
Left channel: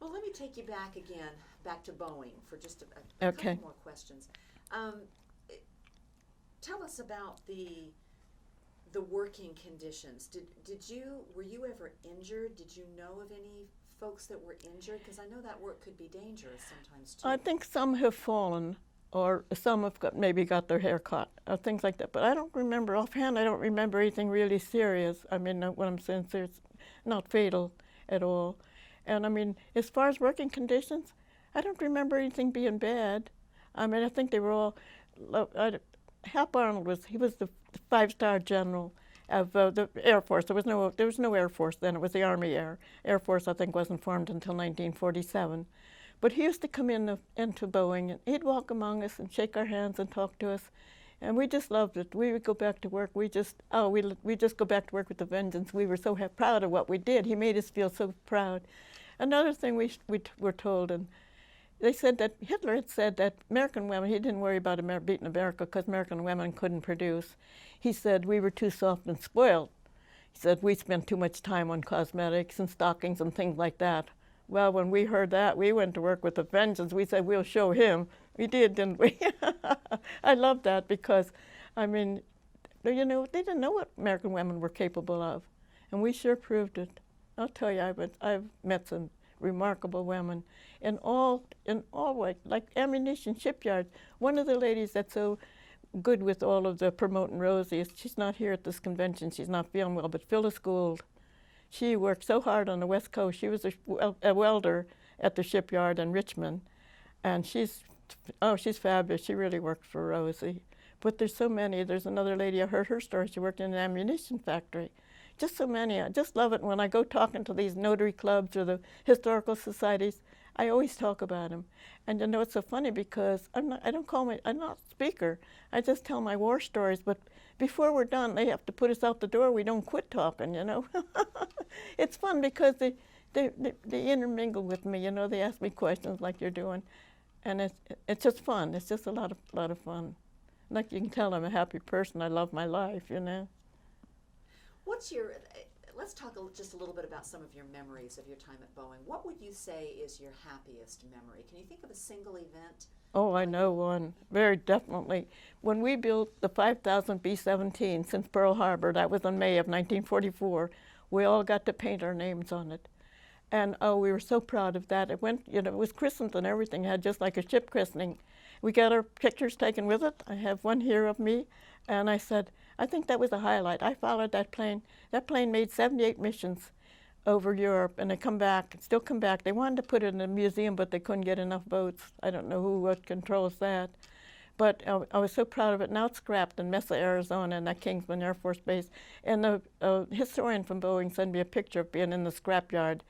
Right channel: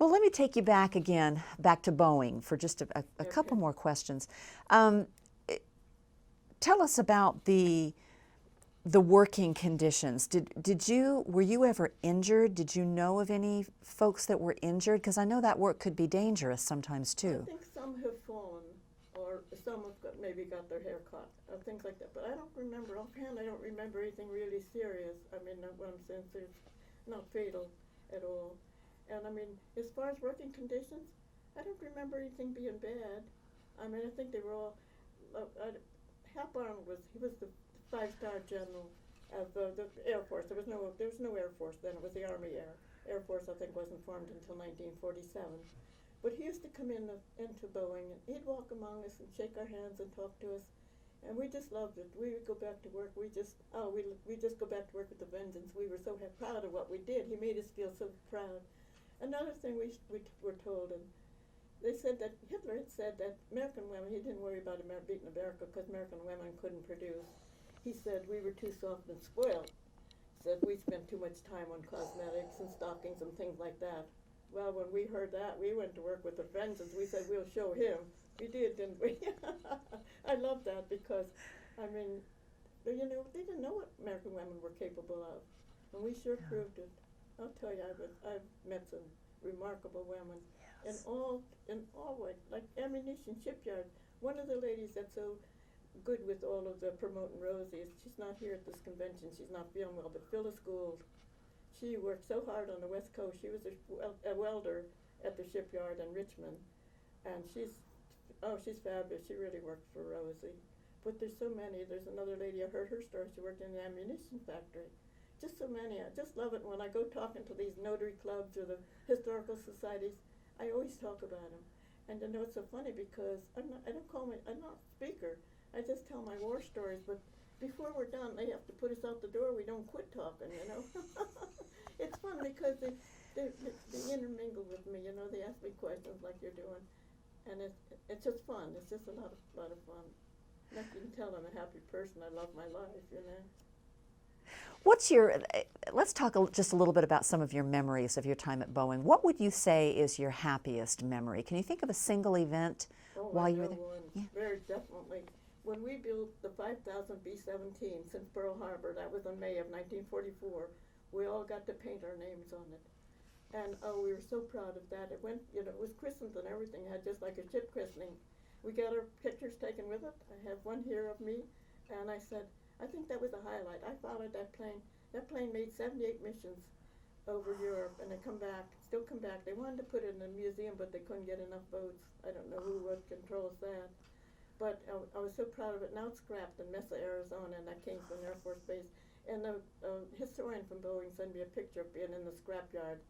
Well, let me take you back to Boeing for just a couple Okay. more questions. Tell us about the working conditions. Were you ever injured? Did you know of any folks that were injured? Because I know that work could be dangerous sometimes too. I think some have fallen, or some have maybe got their hair cut, or things like that. But I don't remember offhand. I don't remember anything really serious. I mean, what I'm saying is not fatal at all. And I mean, as far as working conditions, I don't remember anything being bad. I mean, I think they were all. Hap Arnold was the 5-star general of the Air Force. There was no Air Force then. It was the Army Air Force. I think wasn't formed until 1947. But he used to come into Boeing, and he'd walk among us and shake our hands and talk to us, and we just loved it. We would go back to work. We just go back to work with a vengeance. We were so proud of what we did. He made us feel so proud. Another thing we were told, and they said that Hitler had said that American women, he didn't worry about beating America because American women couldn't produce. He said we were too soft and spoiled. He said we spent too much time on cosmetics and stockings and things like that. Well, when we heard that, we went to work with a vengeance. We said, we'll show him. We did, didn't we? I love that because, I mean, they didn't know what American women were capable of, and we sure proved it. I'll tell you, I've met some remarkable women in all ways, like ammunition shipyards. One of the ladies that's so good with all of the promoting Rosie, she's not here at this convention. She's not feeling well, but Phyllis Gould. She worked so hard on the West Coast. She was a welder at the shipyard in Richmond, and she's fabulous. She really worked for Rosie. But there's so many. There's another lady, I heard her story. She worked in an ammunition factory. Just so many. I just love it. When I go talking to these notary clubs or the historical societies, I always talk about them. And it's so funny because I'm not a speaker. I just tell my war stories, but before we're done, they have to put us out the door. We don't quit talking, It's fun because they intermingle with me, They ask me questions like you're doing, and it's just fun. It's just a lot of fun. Like you can tell, I'm a happy person. I love my life, Let's talk just a little bit about some of your memories of your time at Boeing. What would you say is your happiest memory? Can you think of a single event? Oh, I know one, very definitely. When we built the 5,000 B-17 since Pearl Harbor, that was in May of 1944, we all got to paint our names on it. And we were so proud of that. It went, it was christened and everything, it had just like a ship christening. We got our pictures taken with it. I have one here of me, and I said, I think that was a highlight. I followed that plane. That plane made 78 missions. over Europe, and they come back, still come back. They wanted to put it in a museum, but they couldn't get enough boats. I don't know what controls that. But I was so proud of it. Now it's scrapped in Mesa, Arizona, in that Kingsman Air Force Base. And the historian from Boeing sent me a picture of being in the scrapyard.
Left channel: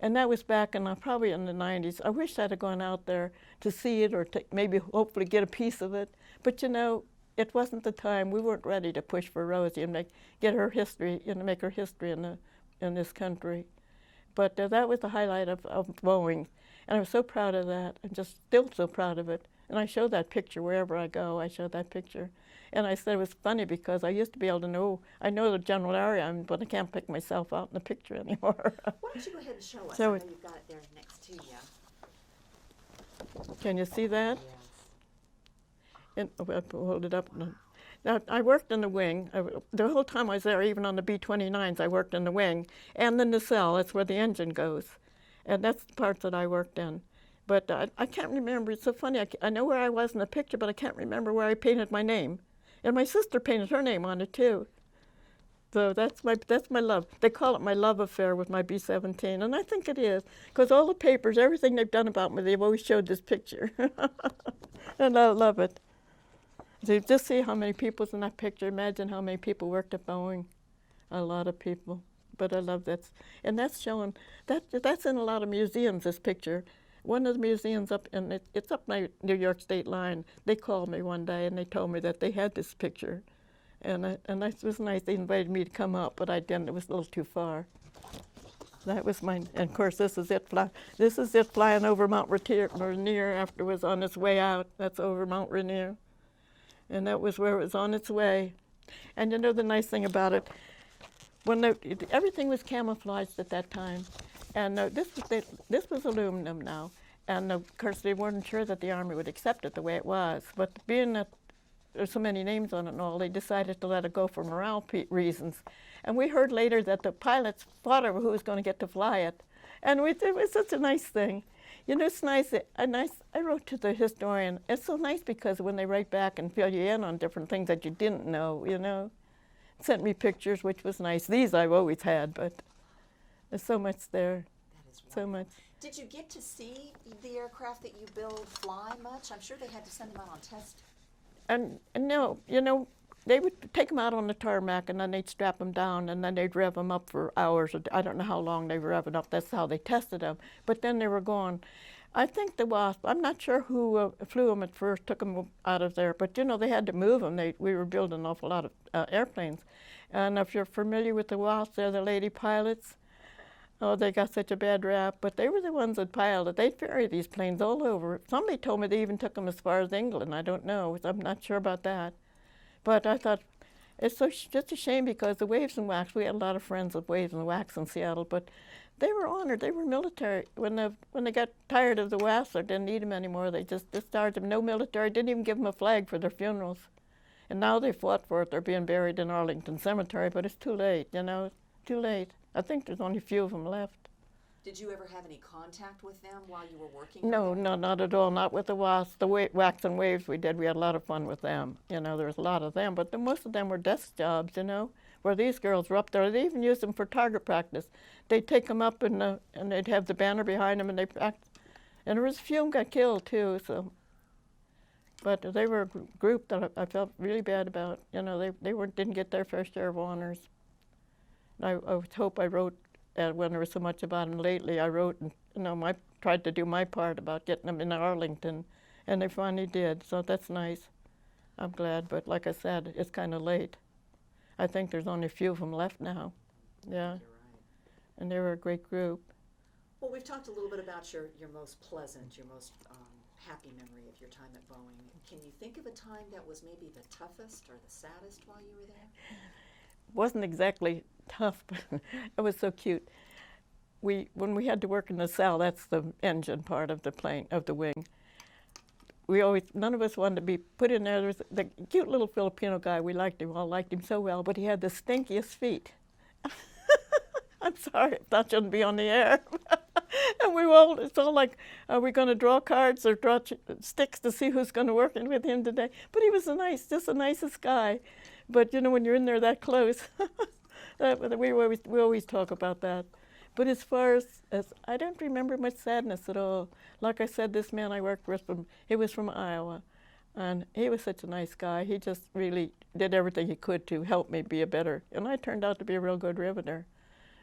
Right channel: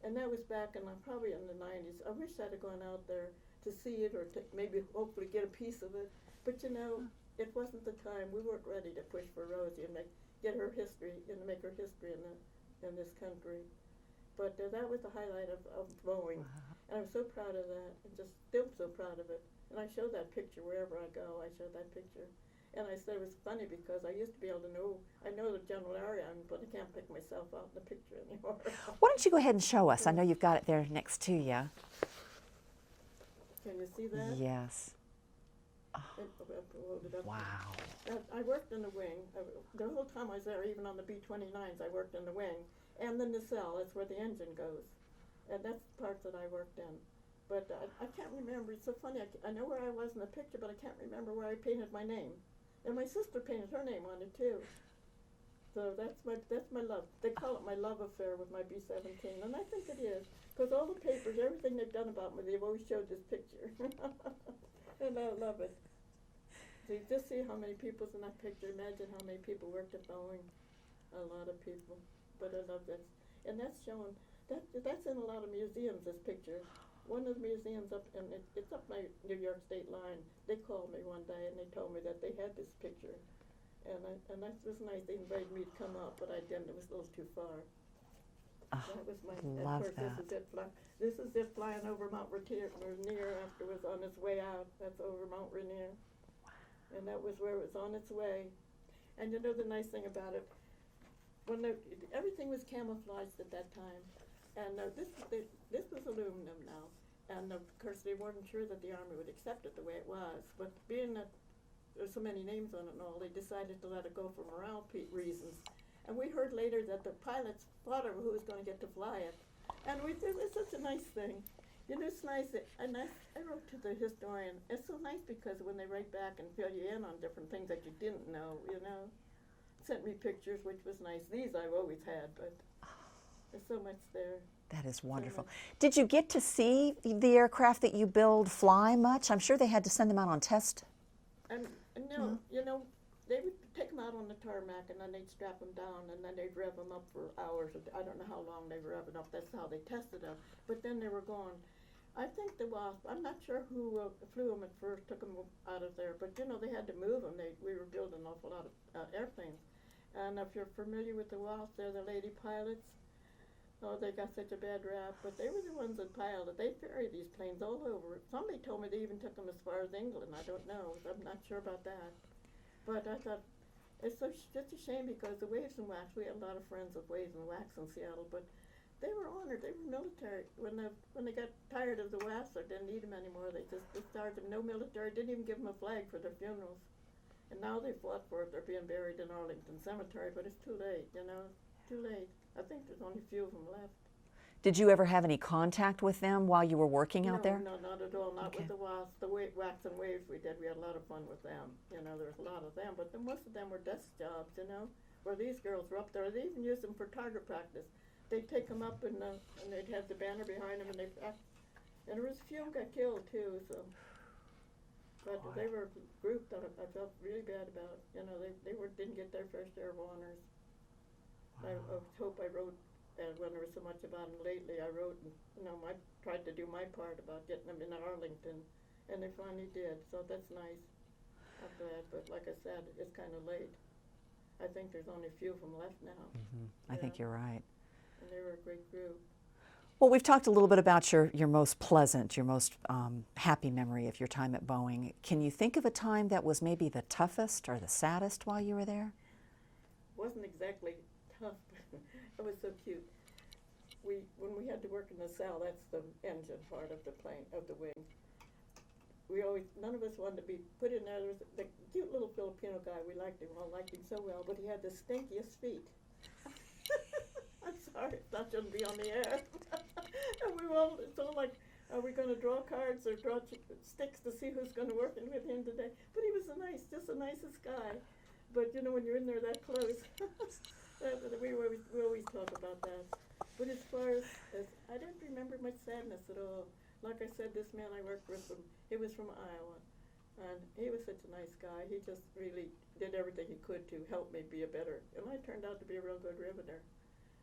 And that was back in probably in the 90s. I wish I'd have gone out there to see it or to maybe hopefully get a piece of it. But you know, it wasn't the time. We weren't ready to push for Rosie and get her history, make her history in this country. But that was the highlight of Boeing. And I was so proud of that. I'm just still so proud of it. And I show that picture wherever I go. I show that picture. And I said it was funny because I used to be able to know, I know the general area, but I can't pick myself out in the picture anymore. Why don't you go ahead and show us? So I know you've got it there next to you. Can you see that? Yes. I'll hold it up. Wow. Now, I worked in the wing. The whole time I was there, even on the B-29s, I worked in the wing. And the nacelle, that's where the engine goes. And that's the parts that I worked in. But I can't remember. It's so funny. I know where I was in the picture, but I can't remember where I painted my name. And my sister painted her name on it, too. So that's my love. They call it my love affair with my B-17, and I think it is. Because all the papers, everything they've done about me, they've always showed this picture. And I love it. So just see how many people's in that picture. Imagine how many people worked at Boeing. A lot of people. But I love that. And that's showing, that's in a lot of museums, this picture. One of the museums up, and it's up my New York state line. They called me one day and they told me that they had this picture. And that was nice. They invited me to come up, but I didn't. It was a little too far. That was mine. And of course, this is it flying over Mount Rainier after it was on its way out. That's over Mount Rainier. And that was where it was on its way. And you know the nice thing about it, when everything was camouflaged at that time. And this was aluminum now. And of course, they weren't sure that the Army would accept it the way it was. But being that there's so many names on it and all, they decided to let it go for morale reasons. And we heard later that the pilots fought over who was going to get to fly it. And it was such a nice thing. You know, it's nice. I wrote to the historian. It's so nice because when they write back and fill you in on different things that you didn't know, you know. Sent me pictures, which was nice. These I've always had, but there's so much there. That is wonderful. So much. Did you get to see the aircraft that you build fly much? I'm sure they had to send them out on test. And no, you know, they would take them out on the tarmac and then they'd strap them down and then they'd rev them up for hours. I don't know how long they rev it up. That's how they tested them. But then they were gone. I think the Wasp, I'm not sure who flew them at first, took them out of there. But, you know, they had to move them. We were building an awful lot of airplanes. And if you're familiar with the Wasp, they're the lady pilots. Oh, they got such a bad rap, but they were the ones that piloted. They'd ferry these planes all over. Somebody told me they even took them as far as England. I don't know. I'm not sure about that. But I thought, it's just a shame because the Waves and Wax, we had a lot of friends with Waves and Wax in Seattle, but they were honored. They were military. When they got tired of the Wasps or didn't need them anymore, they just discharged them. No military, didn't even give them a flag for their funerals. And now they fought for it. They're being buried in Arlington Cemetery, but it's too late, you know, it's too late. I think there's only a few of them left. Did you ever have any contact with them while you were working out there? No, not at all. Not with the Wasps. The Wax and Waves we did, we had a lot of fun with them. You know, there was a lot of them, but most of them were desk jobs, you know, where these girls were up there. They even used them for target practice. They'd take them up and they'd have the banner behind them and they practiced. And there was a few of them got killed too, so. But they were a group that I felt really bad about. You know, they didn't get their fair share of honors. I hope I wrote, when there was so much about them lately, I wrote and, you know, tried to do my part about getting them in Arlington, and they finally did, so that's nice. I'm glad, but like I said, it's kind of late. I think there's only a few of them left now. Mm-hmm. I think you're right. And they were a great group. Well, we've talked a little bit about your most pleasant, your most happy memory of your time at Boeing. Can you think of a time that was maybe the toughest or the saddest while you were there? Wasn't exactly tough, but it was so cute. When we had to work in the cell, that's the engine part of the plane, of the wing. None of us wanted to be put in there. There was the cute little Filipino guy, we all liked him so well, but he had the stinkiest feet. I'm sorry, that shouldn't be on the air. And it's all like, are we going to draw cards or draw sticks to see who's going to work with him today? But he was just the nicest guy. But you know, when you're in there that close, we always talk about that. But as far as I don't remember much sadness at all. Like I said, this man I worked with, he was from Iowa, and he was such a nice guy. He just really did everything he could to help me be a better, and I turned out to be a real good riveter.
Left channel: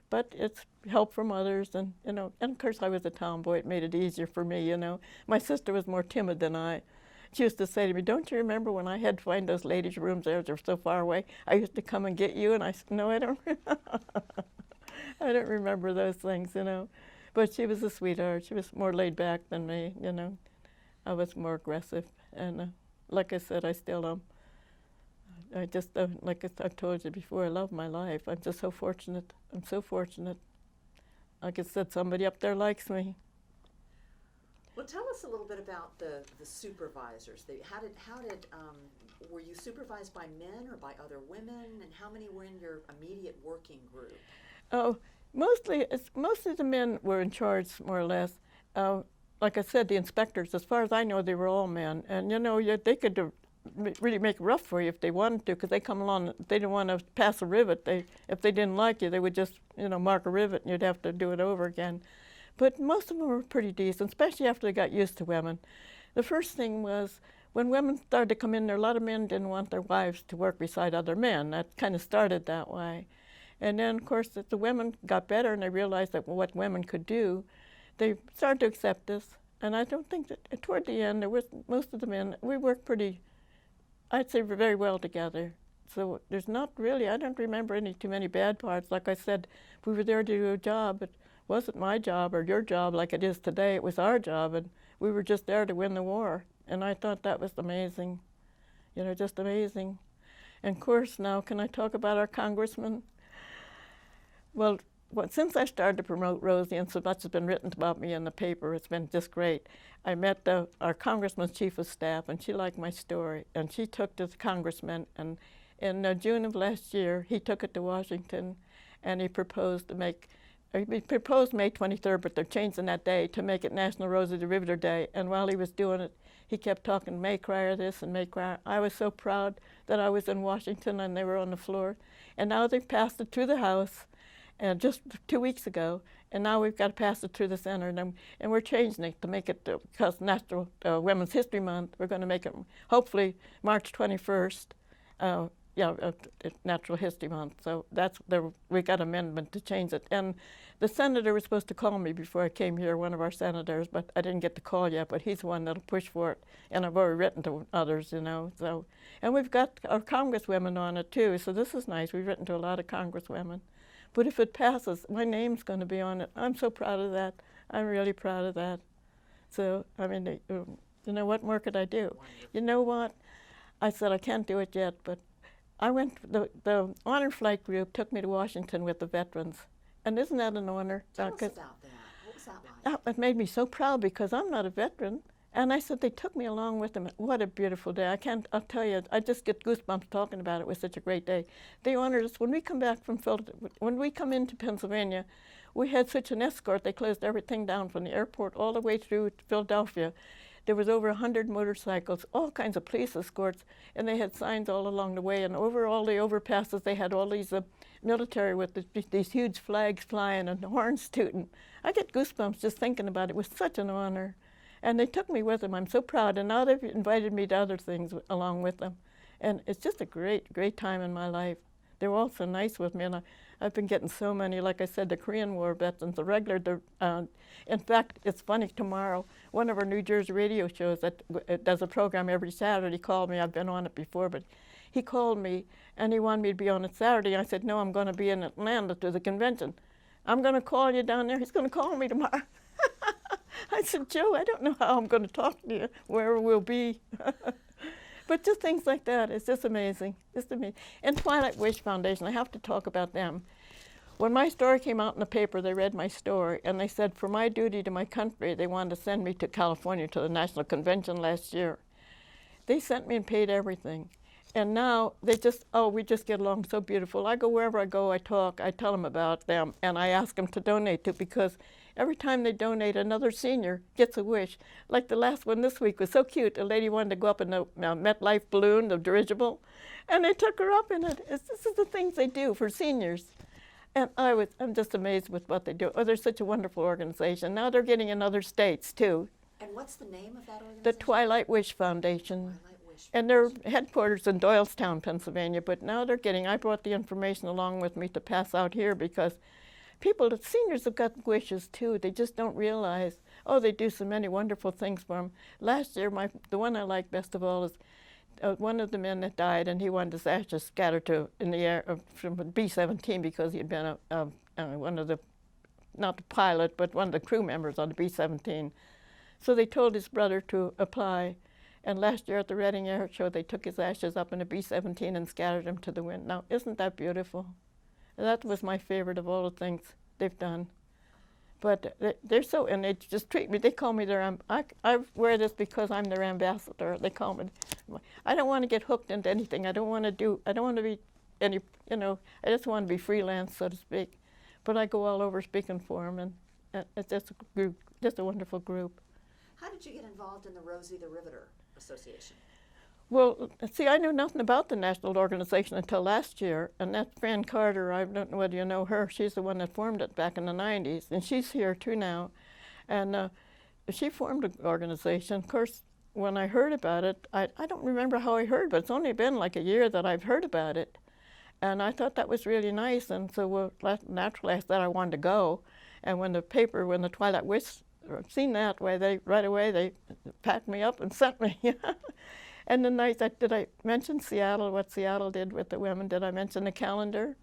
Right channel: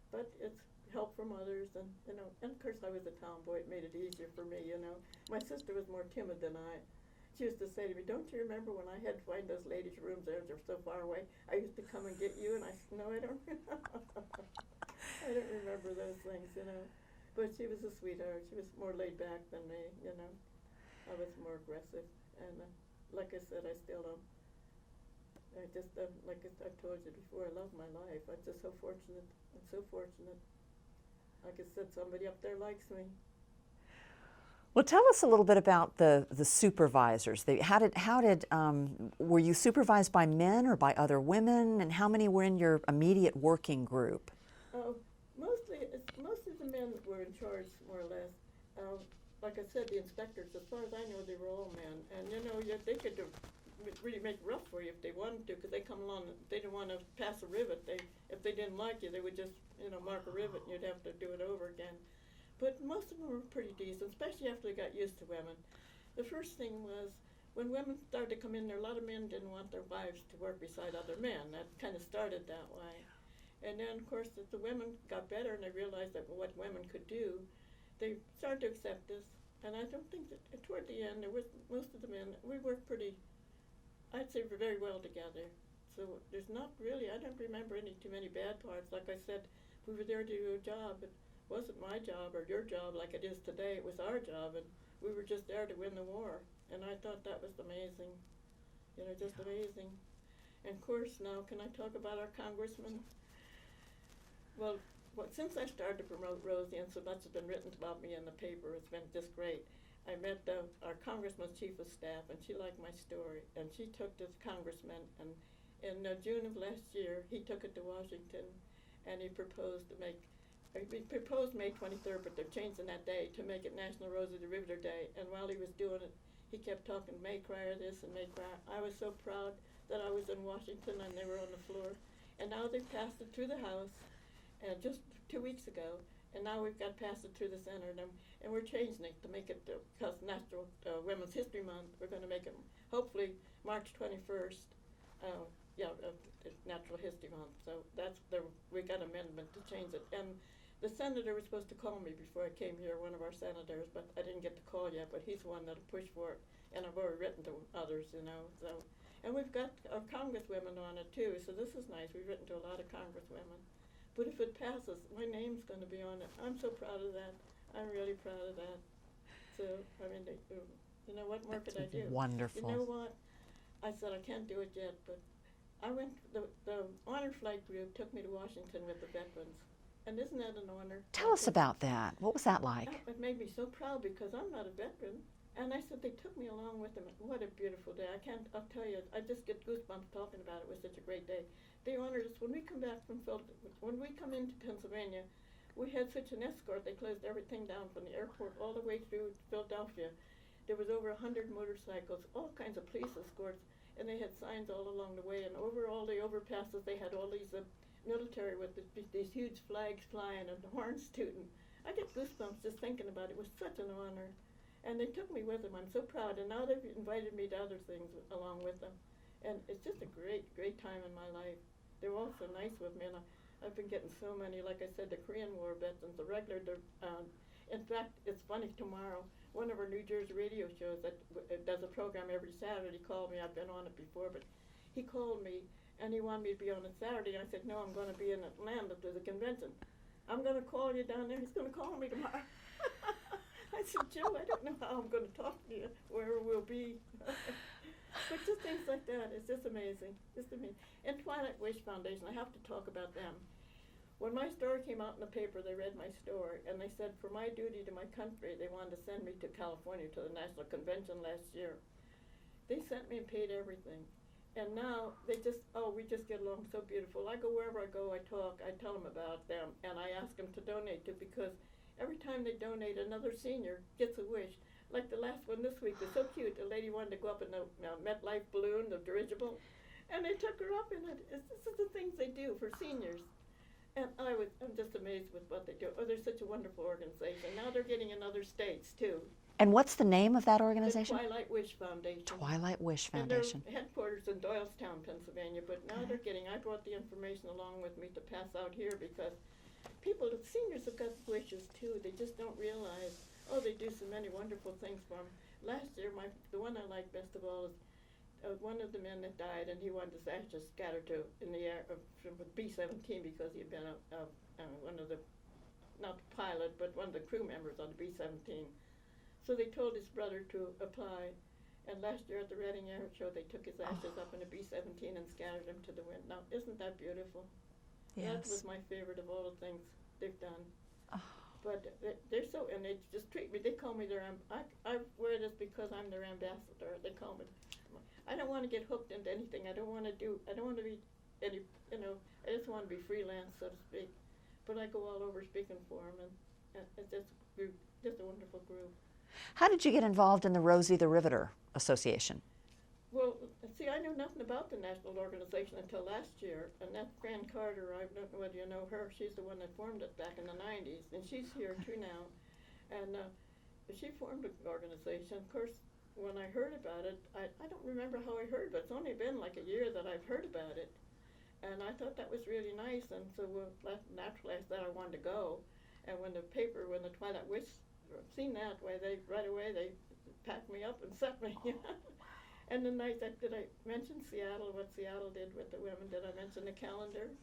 But it's help from others, and and of course I was a tomboy. It made it easier for me, My sister was more timid than I. She used to say to me, "Don't you remember when I had to find those ladies' rooms there? They're so far away. I used to come and get you." And I said, "No, I don't. I don't remember those things, But she was a sweetheart. She was more laid back than me, I was more aggressive, and like I said, I still am. I just, like I've told you before, I love my life. I'm just so fortunate. I'm so fortunate. Like I said, somebody up there likes me. Well, tell us a little bit about the supervisors. Were you supervised by men or by other women, and how many were in your immediate working group? Oh, mostly the men were in charge, more or less. Like I said, the inspectors, as far as I know, they were all men, and they could really make it rough for you if they wanted to, because they come along. They didn't want to pass a rivet. If they didn't like you, they would just mark a rivet, and you'd have to do it over again. But most of them were pretty decent, especially after they got used to women. The first thing was, when women started to come in there, a lot of men didn't want their wives to work beside other men. That kind of started that way. And then, of course, as the women got better and they realized that what women could do, they started to accept us. And I don't think that toward the end, most of the men, we worked pretty, I'd say, very well together. So there's not really, I don't remember too many bad parts. Like I said, we were there to do a job. It wasn't my job or your job like it is today. It was our job, and we were just there to win the war. And I thought that was amazing, just amazing. And of course, now, can I talk about our congressman? Well, since I started to promote Rosie, and so much has been written about me in the paper, it's been just great. I met our congressman's chief of staff, and she liked my story, and she took to the congressman, and in June of last year, he took it to Washington, and he proposed May 23rd, but they're changing that day to make it National Rosie the Riveter Day. And while he was doing it, he kept talking, "May Krier this and May Krier." I was so proud that I was in Washington and they were on the floor. And now they've passed it through the House, and just 2 weeks ago. And now we've got to pass it through the Senate, and we're changing it to make it, because National Women's History Month, we're going to make it hopefully March 21st. Natural History Month. So we got amendment to change it. And the senator was supposed to call me before I came here, one of our senators, but I didn't get the call yet, but he's the one that'll push for it. And I've already written to others, So, and we've got our congresswomen on it too, so this is nice. We've written to a lot of congresswomen. But if it passes, my name's going to be on it. I'm so proud of that. I'm really proud of that. So, I mean, what more could I do? Wonderful. You know what? I said I can't do it yet, but I went, the honor flight group took me to Washington with the veterans. And isn't that an honor? Tell us about that. What was that like? It made me so proud because I'm not a veteran. And I said they took me along with them. What a beautiful day. I'll tell you, I just get goosebumps talking about it. It was such a great day. They honored us. When we come back from when we come into Pennsylvania, we had such an escort. They closed everything down from the airport all the way through to Philadelphia. There was over 100 motorcycles, all kinds of police escorts, and they had signs all along the way. And over all the overpasses, they had all these military with these huge flags flying and horns tooting. I get goosebumps just thinking about it. It was such an honor. And they took me with them. I'm so proud. And now they've invited me to other things along with them. And it's just a great, great time in my life. They were all so nice with me. And I've been getting so many, like I said, the Korean War veterans, the regular. In fact, it's funny, tomorrow, one of our New Jersey radio shows that does a program every Saturday called me. I've been on it before, but he called me, and he wanted me to be on it Saturday. I said, no, I'm going to be in Atlanta to the convention. I'm going to call you down there. He's going to call me tomorrow. I said, Joe, I don't know how I'm going to talk to you, where we'll be. But just things like that, it's just amazing, just amazing. And Twilight Wish Foundation, I have to talk about them. When my story came out in the paper, they read my story, and they said for my duty to my country, they wanted to send me to California to the National Convention last year. They sent me and paid everything. And now we just get along so beautiful. I go wherever I go, I talk, I tell them about them, and I ask them to donate to, because every time they donate, another senior gets a wish. Like the last one this week was so cute. A lady wanted to go up in the MetLife balloon, the dirigible, and they took her up in it. This is the things they do for seniors. And I'm just amazed with what they do. Oh, they're such a wonderful organization. Now they're getting in other states too. And what's the name of that The organization? Twilight Wish Foundation. Twilight Wish And Foundation. their headquarters in Doylestown, Pennsylvania. But now they're getting, I brought the information along with me to pass out here because people, the seniors have got wishes too. They just don't realize, oh, they do so many wonderful things for them. Last year, the one I like best of all is one of the men that died, and he wanted his ashes scattered in the air from B-17 because he had been one of the, not the pilot, but one of the crew members on the B-17. So they told his brother to apply, and last year at the Reading Air Show, they took his ashes up in a B-17 and scattered them to the wind. Now, isn't that beautiful? Yes. That was my favorite of all the things they've done. Oh. But they're so, and they just treat me, they call me their, I wear this because I'm their ambassador. They call me, I don't want to get hooked into anything. I don't want to be any, I just want to be freelance, so to speak. But I go all over speaking for them, and it's just a group, just a wonderful group. How did you get involved in the Rosie the Riveter Association? Well, see, I knew nothing about the national organization until last year, and that Fran Carter, I don't know whether you know her, she's the one that formed it back in the 90s, and she's here too now. And she formed an organization. Of course, when I heard about it, I don't remember how I heard, but it's only been like a year that I've heard about it. And I thought that was really nice, and so naturally I thought I wanted to go. And when the Twilight Wish seen that way, right away they packed me up and sent me. And then did I mention Seattle, what Seattle did with the women? Did I mention the calendar?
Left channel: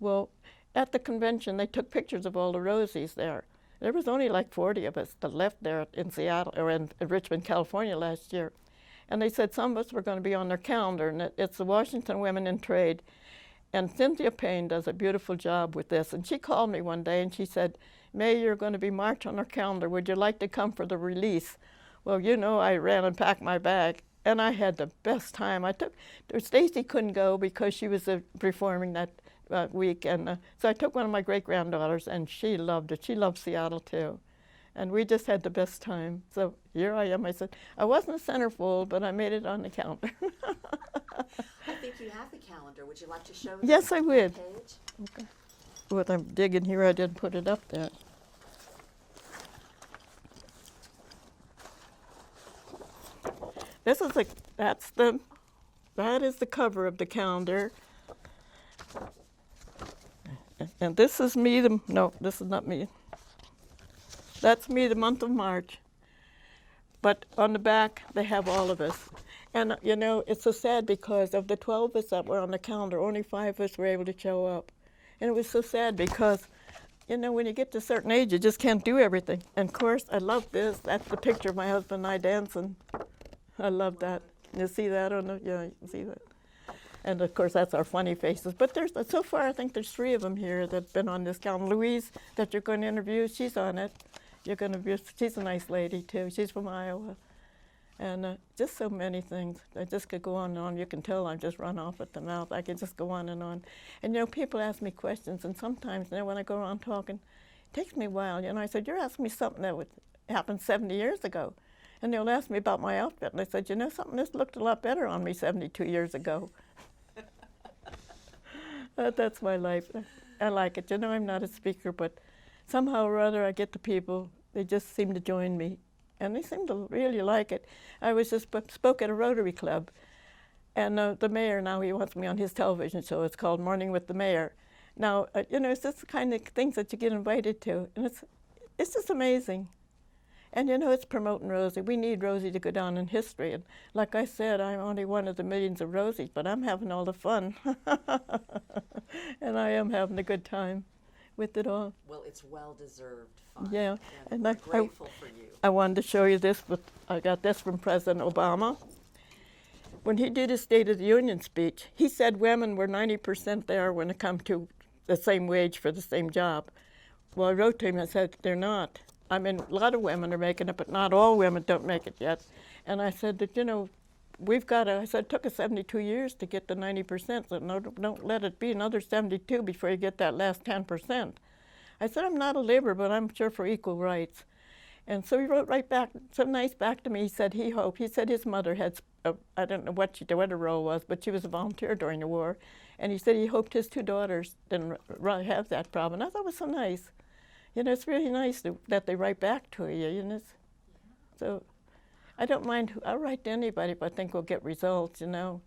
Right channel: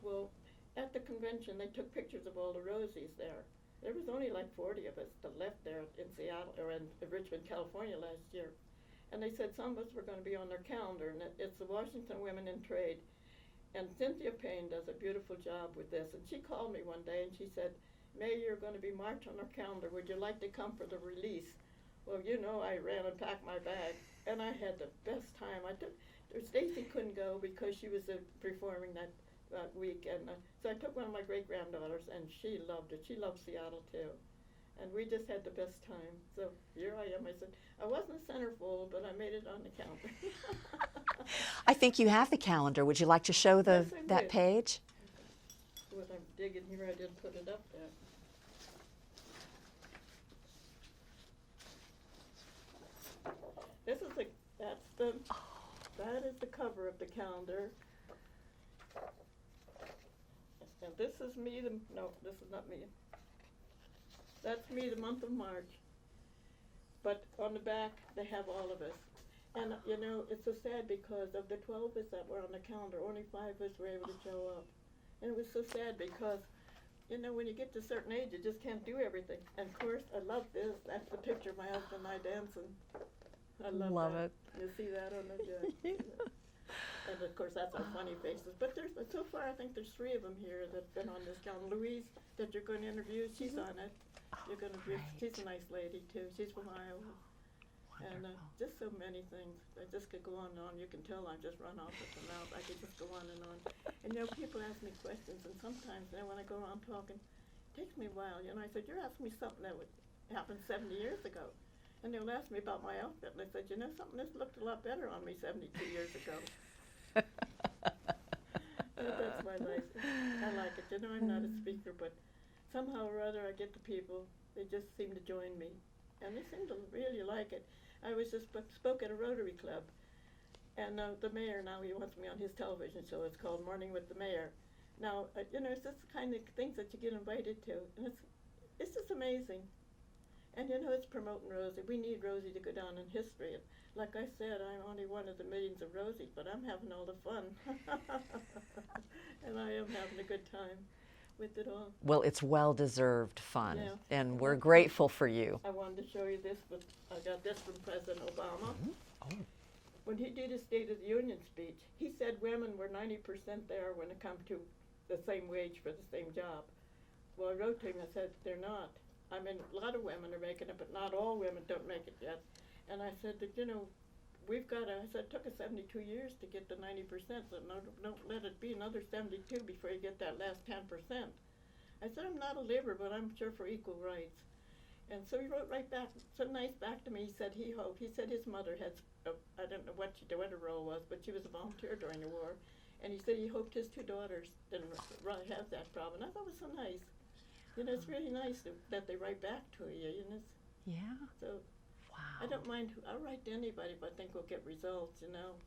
Well, at the convention, they took pictures of all the Rosies there. There was only like 40 of us that left there in Seattle, or in Richmond, California last year. And they said some of us were going to be on their calendar, and it's the Washington Women in Trade. And Cynthia Payne does a beautiful job with this. And she called me one day and she said, May, you're going to be marked on our calendar. Would you like to come for the release? Well, I ran and packed my bag. And I had the best time. Stacy couldn't go because she was performing that week. And so I took one of my great-granddaughters, and she loved it. She loved Seattle, too. And we just had the best time. So here I am. I said, I wasn't a centerfold, but I made it on the calendar. I think you have the calendar. Would you like to show Yes, I would. that page? Okay. What I'm digging here, I didn't put it up there. That is the cover of the calendar. And this is me, no, this is not me. That's me the month of March. But on the back, they have all of us. And it's so sad because of the 12 of us that were on the calendar, only 5 of us were able to show up. And it was so sad because, when you get to a certain age, you just can't do everything. And of course, I love this. That's the picture of my husband and I dancing. I love that. It. You see that on the, yeah, you see that. And of course, that's our funny faces. But so far, I think there's 3 of them here that've been on this calendar. Louise, that you're going to interview, she's on it. She's a nice lady too. She's from Iowa. And just so many things. I just could go on and on. You can tell I just run off at the mouth. I could just go on and on. And people ask me questions, and sometimes when I go around talking, it takes me a while. I said, you're asking me something that happened 70 years ago. And they'll ask me about my outfit, and I said, something, this looked a lot better on me 72 years ago. That's my life. I like it. I'm not a speaker, but somehow or other I get the people, they just seem to join me. And they seem to really like it. I was just spoke at a Rotary Club, and the mayor now, he wants me on his television show. It's called Morning with the Mayor. Now, it's just the kind of things that you get invited to, and it's just amazing. And it's promoting Rosie. We need Rosie to go down in history. And like I said, I'm only one of the millions of Rosies, but I'm having all the fun. And I am having a good time with it all. Well, it's well-deserved fun. Yeah. And we're grateful for you. I wanted to show you this, but I got this from President Obama. When he did his State of the Union speech, he said women were 90% there when it comes to the same wage for the same job. Well, I wrote to him and said, they're not. I mean, a lot of women are making it, but not all women don't make it yet. And I said that, I said, it took us 72 years to get the 90%, so don't let it be another 72 before you get that last 10%. I said, I'm not a laborer, but I'm sure for equal rights. And so he wrote right back, so nice back to me. He said he hoped. He said his mother had, I don't know what her role was, but she was a volunteer during the war. And he said he hoped his 2 daughters didn't have that problem. I thought it was so nice. You know, it's really nice that they write back to you, you know. Yeah. So I don't mind. I'll write to anybody if I think we'll get results, you know.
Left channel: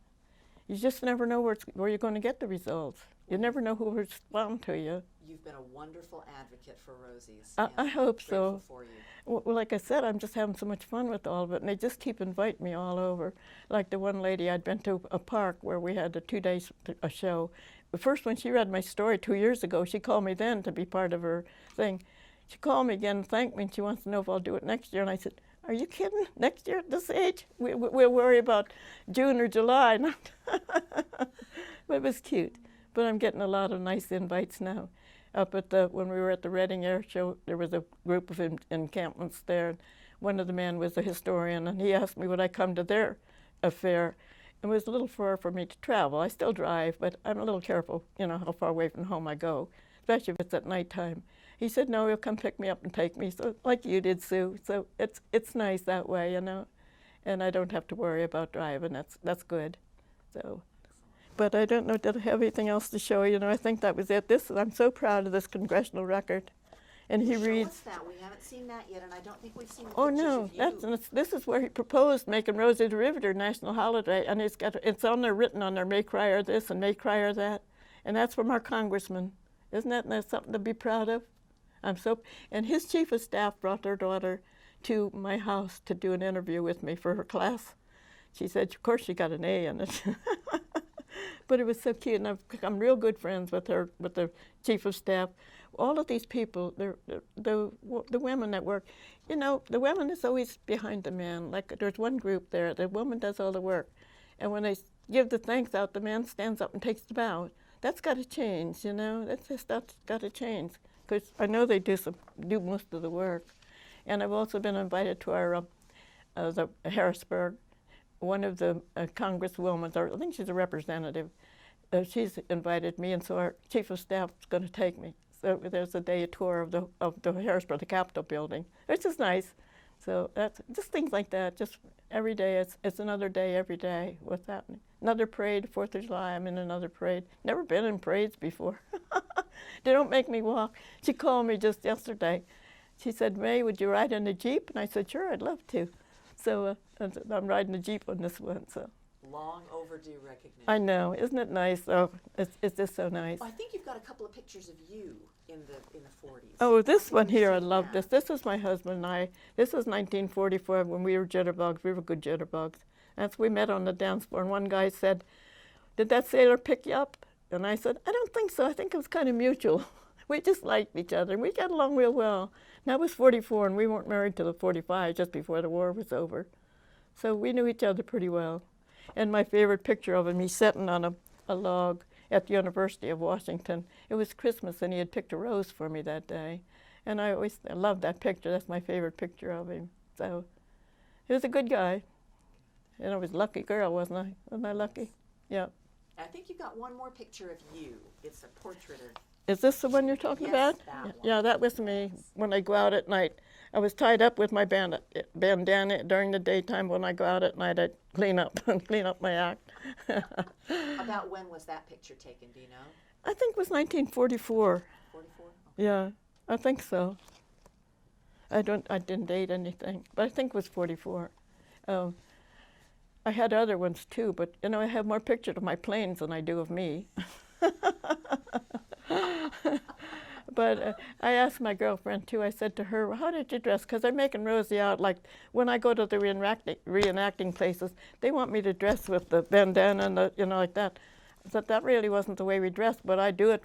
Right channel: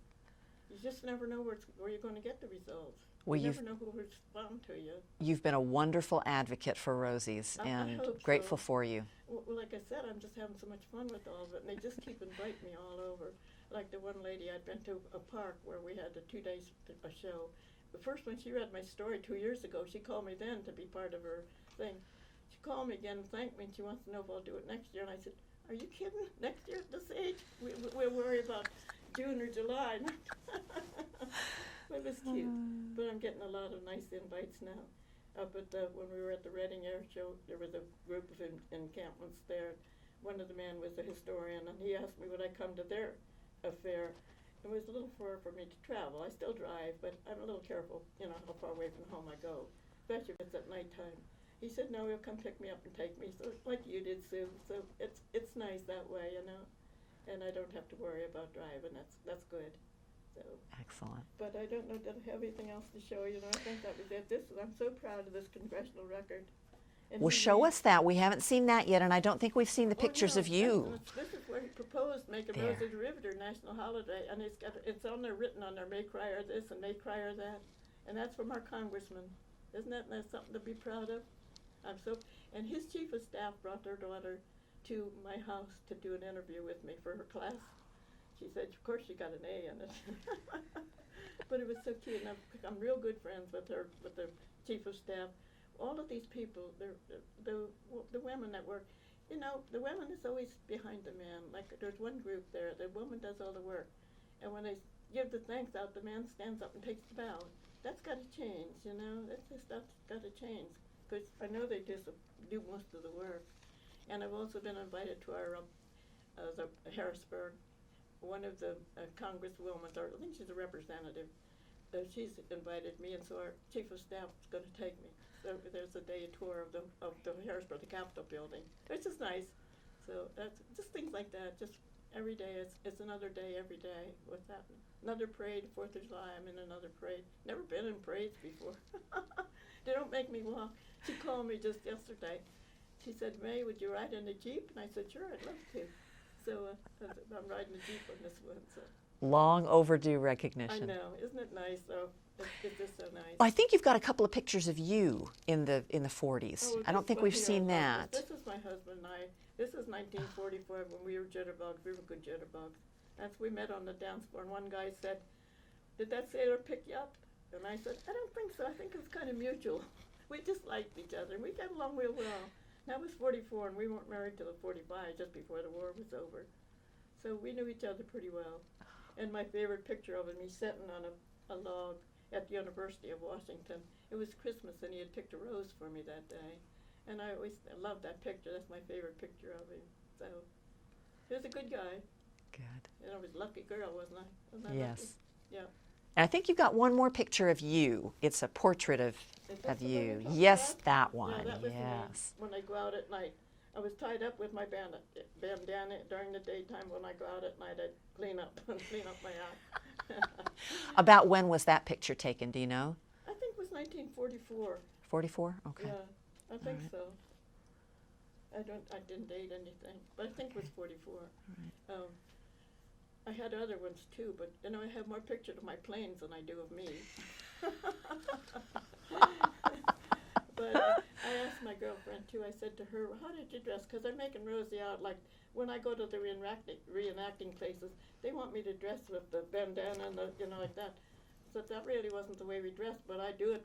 You just never know where you're going to get the results. Well, You never know who will respond to you. You've been a wonderful advocate for Rosie's, I and hope so. grateful for you. Well, like I said, I'm just having so much fun with all of it, and they just keep inviting me all over. Like the one lady, I'd been to a park where we had a 2 days a show. The first when she read my story 2 years ago, she called me then to be part of her thing. She called me again and thanked me, and she wants to know if I'll do it next year. And I said, "Are you kidding? Next year at this age? We'll worry about June or July." But it was cute. But I'm getting a lot of nice invites now. Up at when we were at the Reading Air Show, there was a group of encampments there. One of the men was a historian, and he asked me would I come to their affair. It was a little far for me to travel. I still drive, but I'm a little careful, you know, how far away from home I go, especially if it's at nighttime. He said, "No, he'll come pick me up and take me," so like you did, Sue. So it's nice that way, you know, and I don't have to worry about driving. That's good. So. Excellent. But I don't know, did I have anything else to show you? You know, I think that was it. I'm so proud of this congressional record. And Well, he show us that. We haven't seen that yet, and I don't think we've seen the pictures of you. This is where he proposed making Rosie the Riveter national holiday, and it's on there, written on there, "May Krier this and May Krier that," and that's from our congressman. Isn't that something to be proud of? And his chief of staff brought their daughter to my house to do an interview with me for her class. She said, of course, she got an A in it. But it was so cute, and I'm real good friends with her, with the chief of staff. All of these people, the women that work, you know, the women is always behind the man. Like there's one group there, the woman does all the work. And when they give the thanks out, the man stands up and takes the bow. That's got to change, you know. That's got to change. Because I know they do most of the work. And I've also been invited to our the Harrisburg. One of the congresswomen, or I think she's a representative, she's invited me, and so our chief of staff is going to take me. So there's a day tour of the Harrisburg, the Capitol building. It's just nice. So that's just things like that. Just every day, it's another day every day. What's happening? Another parade, 4th of July. I'm in another parade. Never been in parades before. They don't make me walk. She called me just yesterday. She said, "May, would you ride in the Jeep?" And I said, "Sure, I'd love to." So I'm riding the Jeep on this one. So Long overdue recognition. I know, isn't it nice? Oh, it's just so nice. I think you've got a couple of pictures of you in the 40s. Oh, I don't this think one we've here, I seen love that. this. This is my husband and I. This was 1944 when we were jitterbugs. We were good jitterbugs. We met on the dance floor, and one guy said, "Did that sailor pick you up?" And I said, "I don't think so. I think it was kind of mutual." We just liked each other, and we got along real well. That was 44, and we weren't married till the 45, just before the war was over. So we knew each other pretty well. And my favorite picture of him, he's sitting on a log at the University of Washington. It was Christmas, and he had picked a rose for me that day. And I loved that picture. That's my favorite picture of him. So he was a good guy. Good. And I was a lucky girl, wasn't I? Wasn't I lucky? Yeah. I think you've got one more picture of you. It's a portrait of Is this of the one you. you're talking yes, about? Yes, that one. Yeah, that was me Yes. when I go out at night. I was tied up with my bandana during the daytime. When I go out at night, I'd clean up my act. About when was that picture taken, do you know? I think it was 1944. 44? Okay. Yeah, I think so. I didn't date anything, but I think it was 44. I had other ones too, but you know, I have more pictures of my planes than I do of me. But I asked my girlfriend too, I said to her, "Well, how did you dress?" Because I'm making Rosie out like, when I go to the reenacting places, they want me to dress with the bandana and you know, like that. I thought that really wasn't the way we dressed, but I do it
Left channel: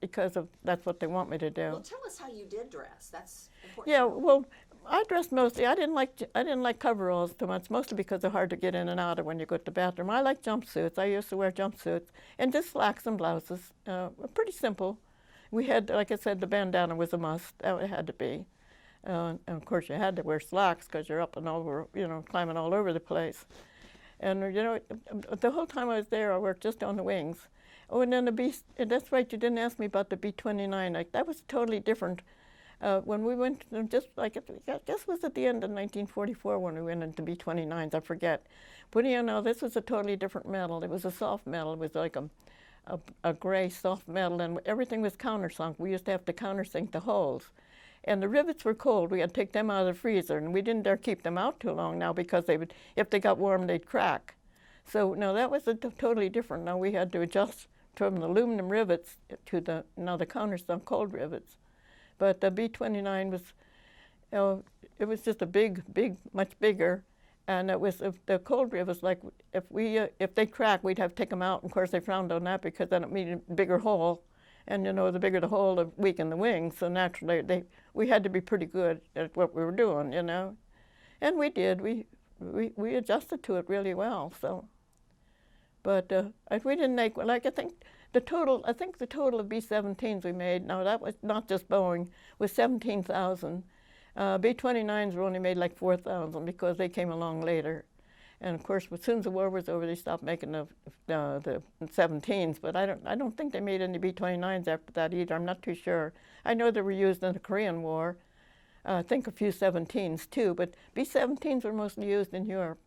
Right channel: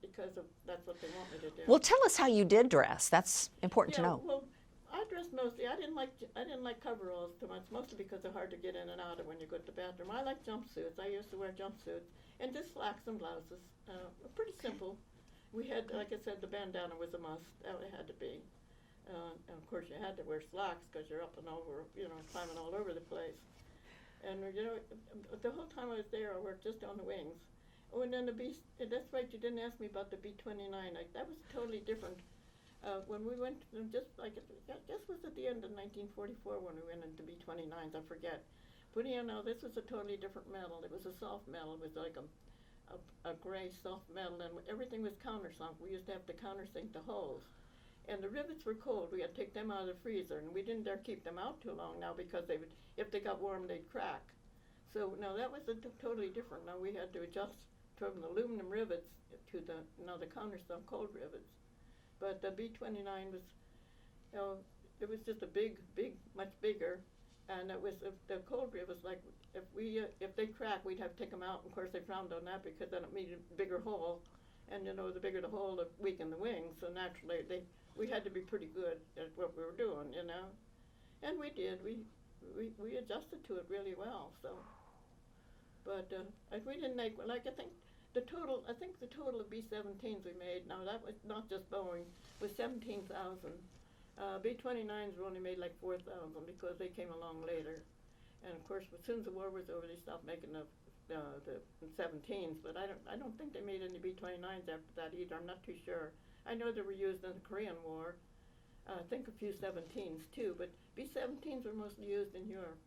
because that's what they want me to do. Well, tell us how you did dress. That's important to Yeah, know. well, I dressed mostly. I didn't like coveralls too much, mostly because they're hard to get in and out of when you go to the bathroom. I like jumpsuits. I used to wear jumpsuits and just slacks and blouses. Pretty simple. We had, like I said, the bandana was a must. It had to be. And of course, you had to wear slacks because you're up and over, you know, climbing all over the place. And you know, the whole time I was there, I worked just on the wings. Oh, and then that's right. You didn't ask me about the B-29. Like that was totally different. When we went, just like this was at the end of 1944 when we went into B-29s. I forget. But you know, this was a totally different metal. It was a soft metal. It was like a gray soft metal, and everything was countersunk. We used to have to countersink the holes. And the rivets were cold. We had to take them out of the freezer, and we didn't dare keep them out too long now because they would, if they got warm, they'd crack. So no, that was totally different. Now we had to adjust from the aluminum rivets to the countersunk cold rivets. But the B-29 was, it was just a big, much bigger, and it was the cold rivets. Like if they crack, we'd have to take them out. And of course, they frowned on that because then it made a bigger hole, and the bigger the hole, the weaker the wings. So naturally, we had to be pretty good at what we were doing, and we did. We adjusted to it really well. So, but we didn't make, like, I think the total of B-17s we made. Now that was not just Boeing, was 17,000. B-29s were only made like 4,000 because they came along later. And of course, as soon as the war was over, they stopped making the 17s. But I don't think they made any B-29s after that either. I'm not too sure. I know they were used in the Korean War. I think a few 17s too. But B-17s were mostly used in Europe.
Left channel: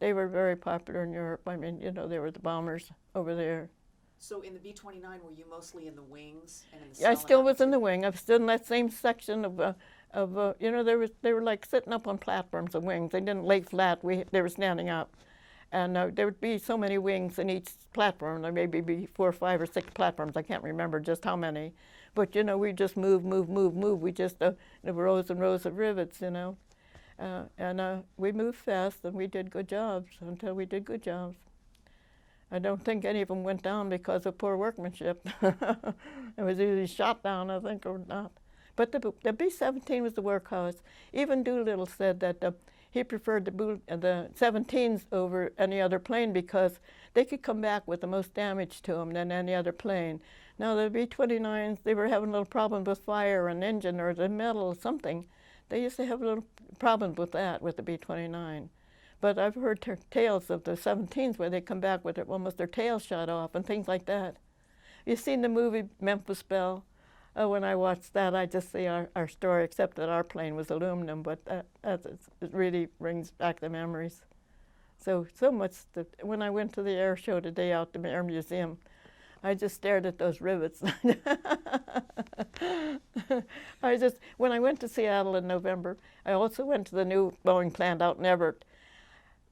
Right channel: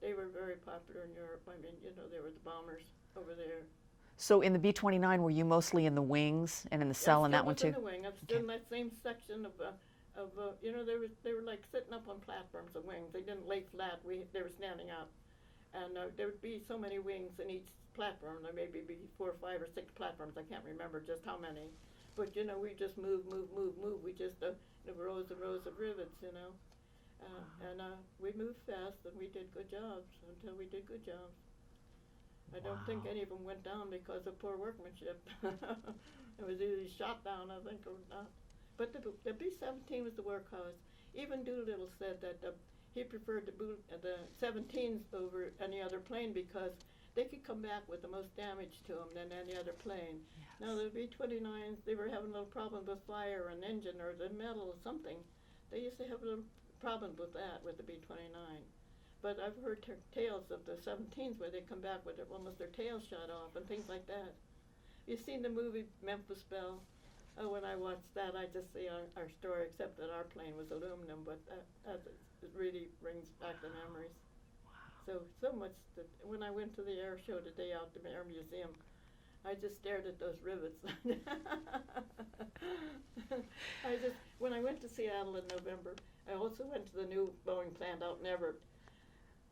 They were very popular in Europe. I mean, they were the bombers over there. So in the B-29, were you mostly in the wings and in the cell? I still was in the wing. I was still in that same section of they were like sitting up on platforms of wings. They didn't lay flat. They were standing up, and there would be so many wings in each platform. There may be 4 or 5 or 6 platforms. I can't remember just how many, but we just move. We just rows and rows of rivets, and we moved fast, and we did good jobs until we did good jobs. I don't think any of them went down because of poor workmanship. It was either shot down, I think, or not. But the B-17 was the workhorse. Even Doolittle said that he preferred the 17s over any other plane because they could come back with the most damage to them than any other plane. Now the B-29s, they were having a little problem with fire, an engine, or the metal or something. They used to have a little problem with that, with the B-29. But I've heard tales of the 17s where they come back with almost their tail shot off and things like that. You've seen the movie Memphis Belle? When I watched that, I just see our story, except that our plane was aluminum, but it really brings back the memories. So much when I went to the air show today out to the Air Museum, I just stared at those rivets. When I went to Seattle in November, I also went to the new Boeing plant out in Everett.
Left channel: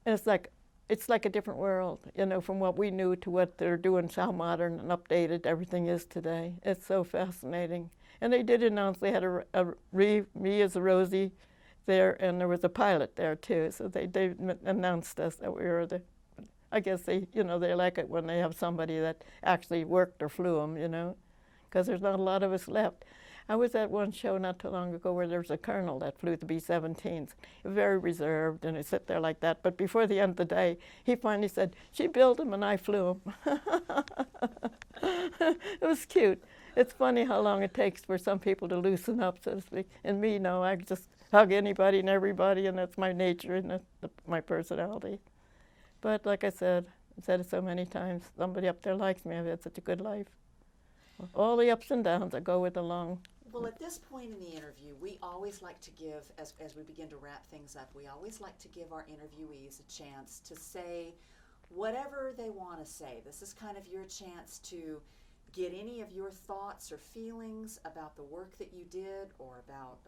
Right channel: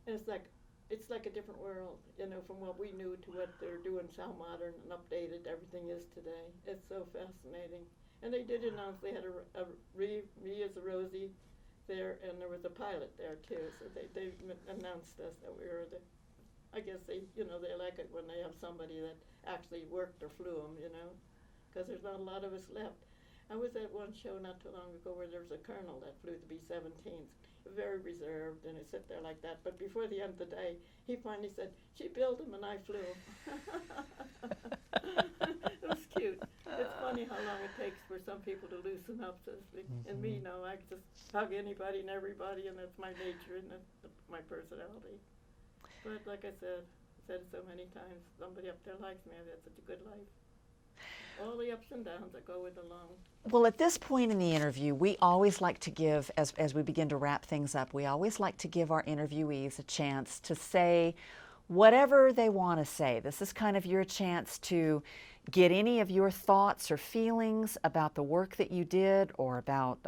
And it's like a different world, from what we knew to what they're doing, how modern and updated everything is today. It's so fascinating. And they did announce they had me as a Rosie there, and there was a pilot there too. So they announced us that we were I guess they like it when they have somebody that actually worked or flew them, because there's not a lot of us left. I was at one show not too long ago where there was a colonel that flew the B-17s, very reserved, and he'd sit there like that. But before the end of the day, he finally said, "She built them and I flew them." It was cute. It's funny how long it takes for some people to loosen up, so to speak. And me, no, I just hug anybody and everybody, and that's my nature and that's my personality. But like I said, I've said it so many times, somebody up there likes me. I've had such a good life. All the ups and downs that go with the long. Well, at this point in the interview, we always like to give, as we begin to wrap things up, we always like to give our interviewees a chance to say whatever they want to say. This is kind of your chance to get any of your thoughts or feelings about the work that you did, or about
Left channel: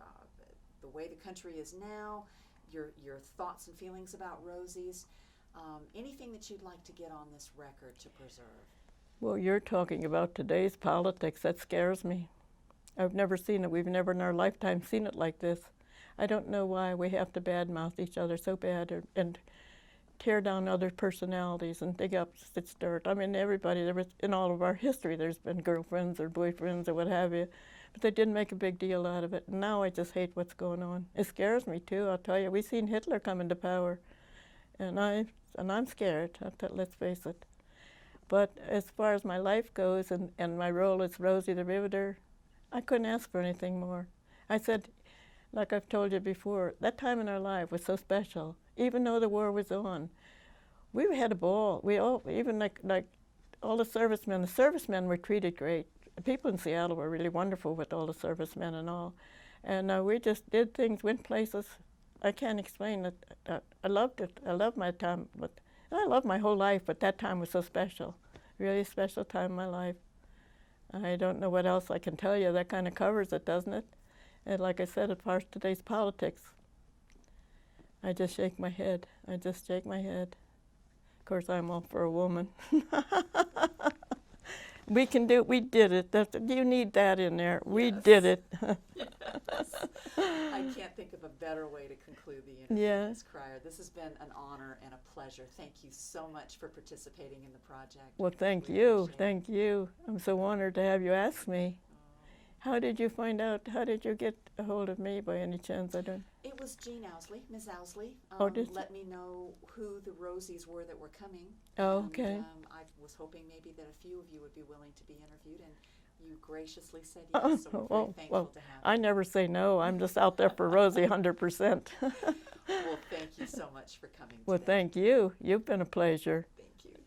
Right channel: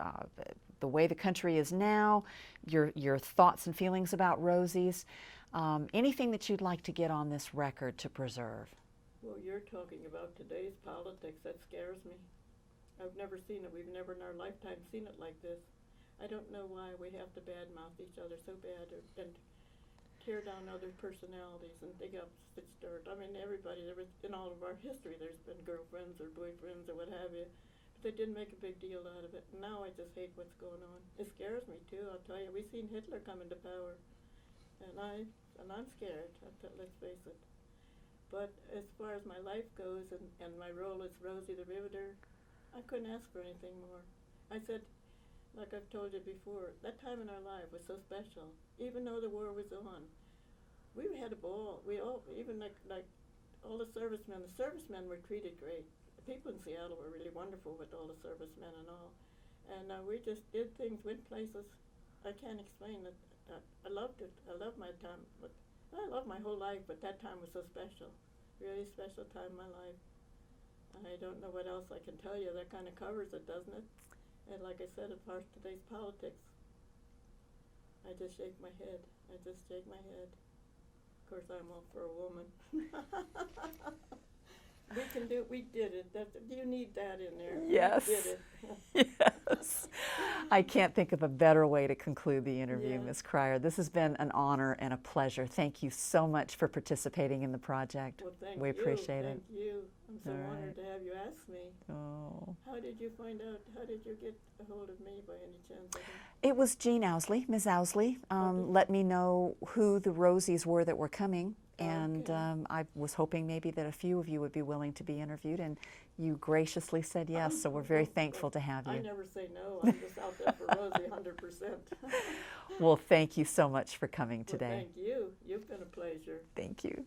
the way the country is now, your thoughts and feelings about Rosie's, anything that you'd like to get on this record to preserve. Well, you're talking about today's politics. That scares me. I've never seen it. We've never in our lifetime seen it like this. I don't know why we have to badmouth each other so bad and tear down other personalities and dig up its dirt. I mean, everybody, in all of our history, there's been girlfriends or boyfriends or what have you, but they didn't make a big deal out of it. And now I just hate what's going on. It scares me, too, I'll tell you. We've seen Hitler come into power, and I'm scared, let's face it. But as far as my life goes and my role as Rosie the Riveter, I couldn't ask for anything more. I said, like I've told you before, that time in our life was so special. Even though the war was on, we had a ball. We all, even like all the servicemen were treated great. The people in Seattle were really wonderful with all the servicemen and all. And we just did things, went places. I can't explain it. I loved it. I loved my time. And I loved my whole life, but that time was so special. really special time in my life. I don't know what else I can tell you. That kind of covers it, doesn't it? And like I said, as far as today's politics, I just shake my head. I just shake my head. Of course, I'm all for a woman. We can do it. We did it. You need that in there. Yes. We did it. Yes. I can't think of a better way to conclude the interview, Yeah. Ms. Krier. This has been an honor and a pleasure. Thank you so much for participating in the project. Well, thank We you. appreciate it. Thank you. I'm so All honored to have you ask me. Oh. How did you find out? How did you get a hold of me by any chance? I don't. It was Jean Owsley, Ms. Owsley, did- let me know who the Rosies were that were coming. And Okay. I was hoping maybe that a few of you would be willing to be interviewed, and you graciously said yes, so we're very Oh, thankful well, to have you. I never say no. I'm just out there for Rosie 100%. Well, thank you so much for coming Well, today. thank you. You've been a pleasure. Thank you.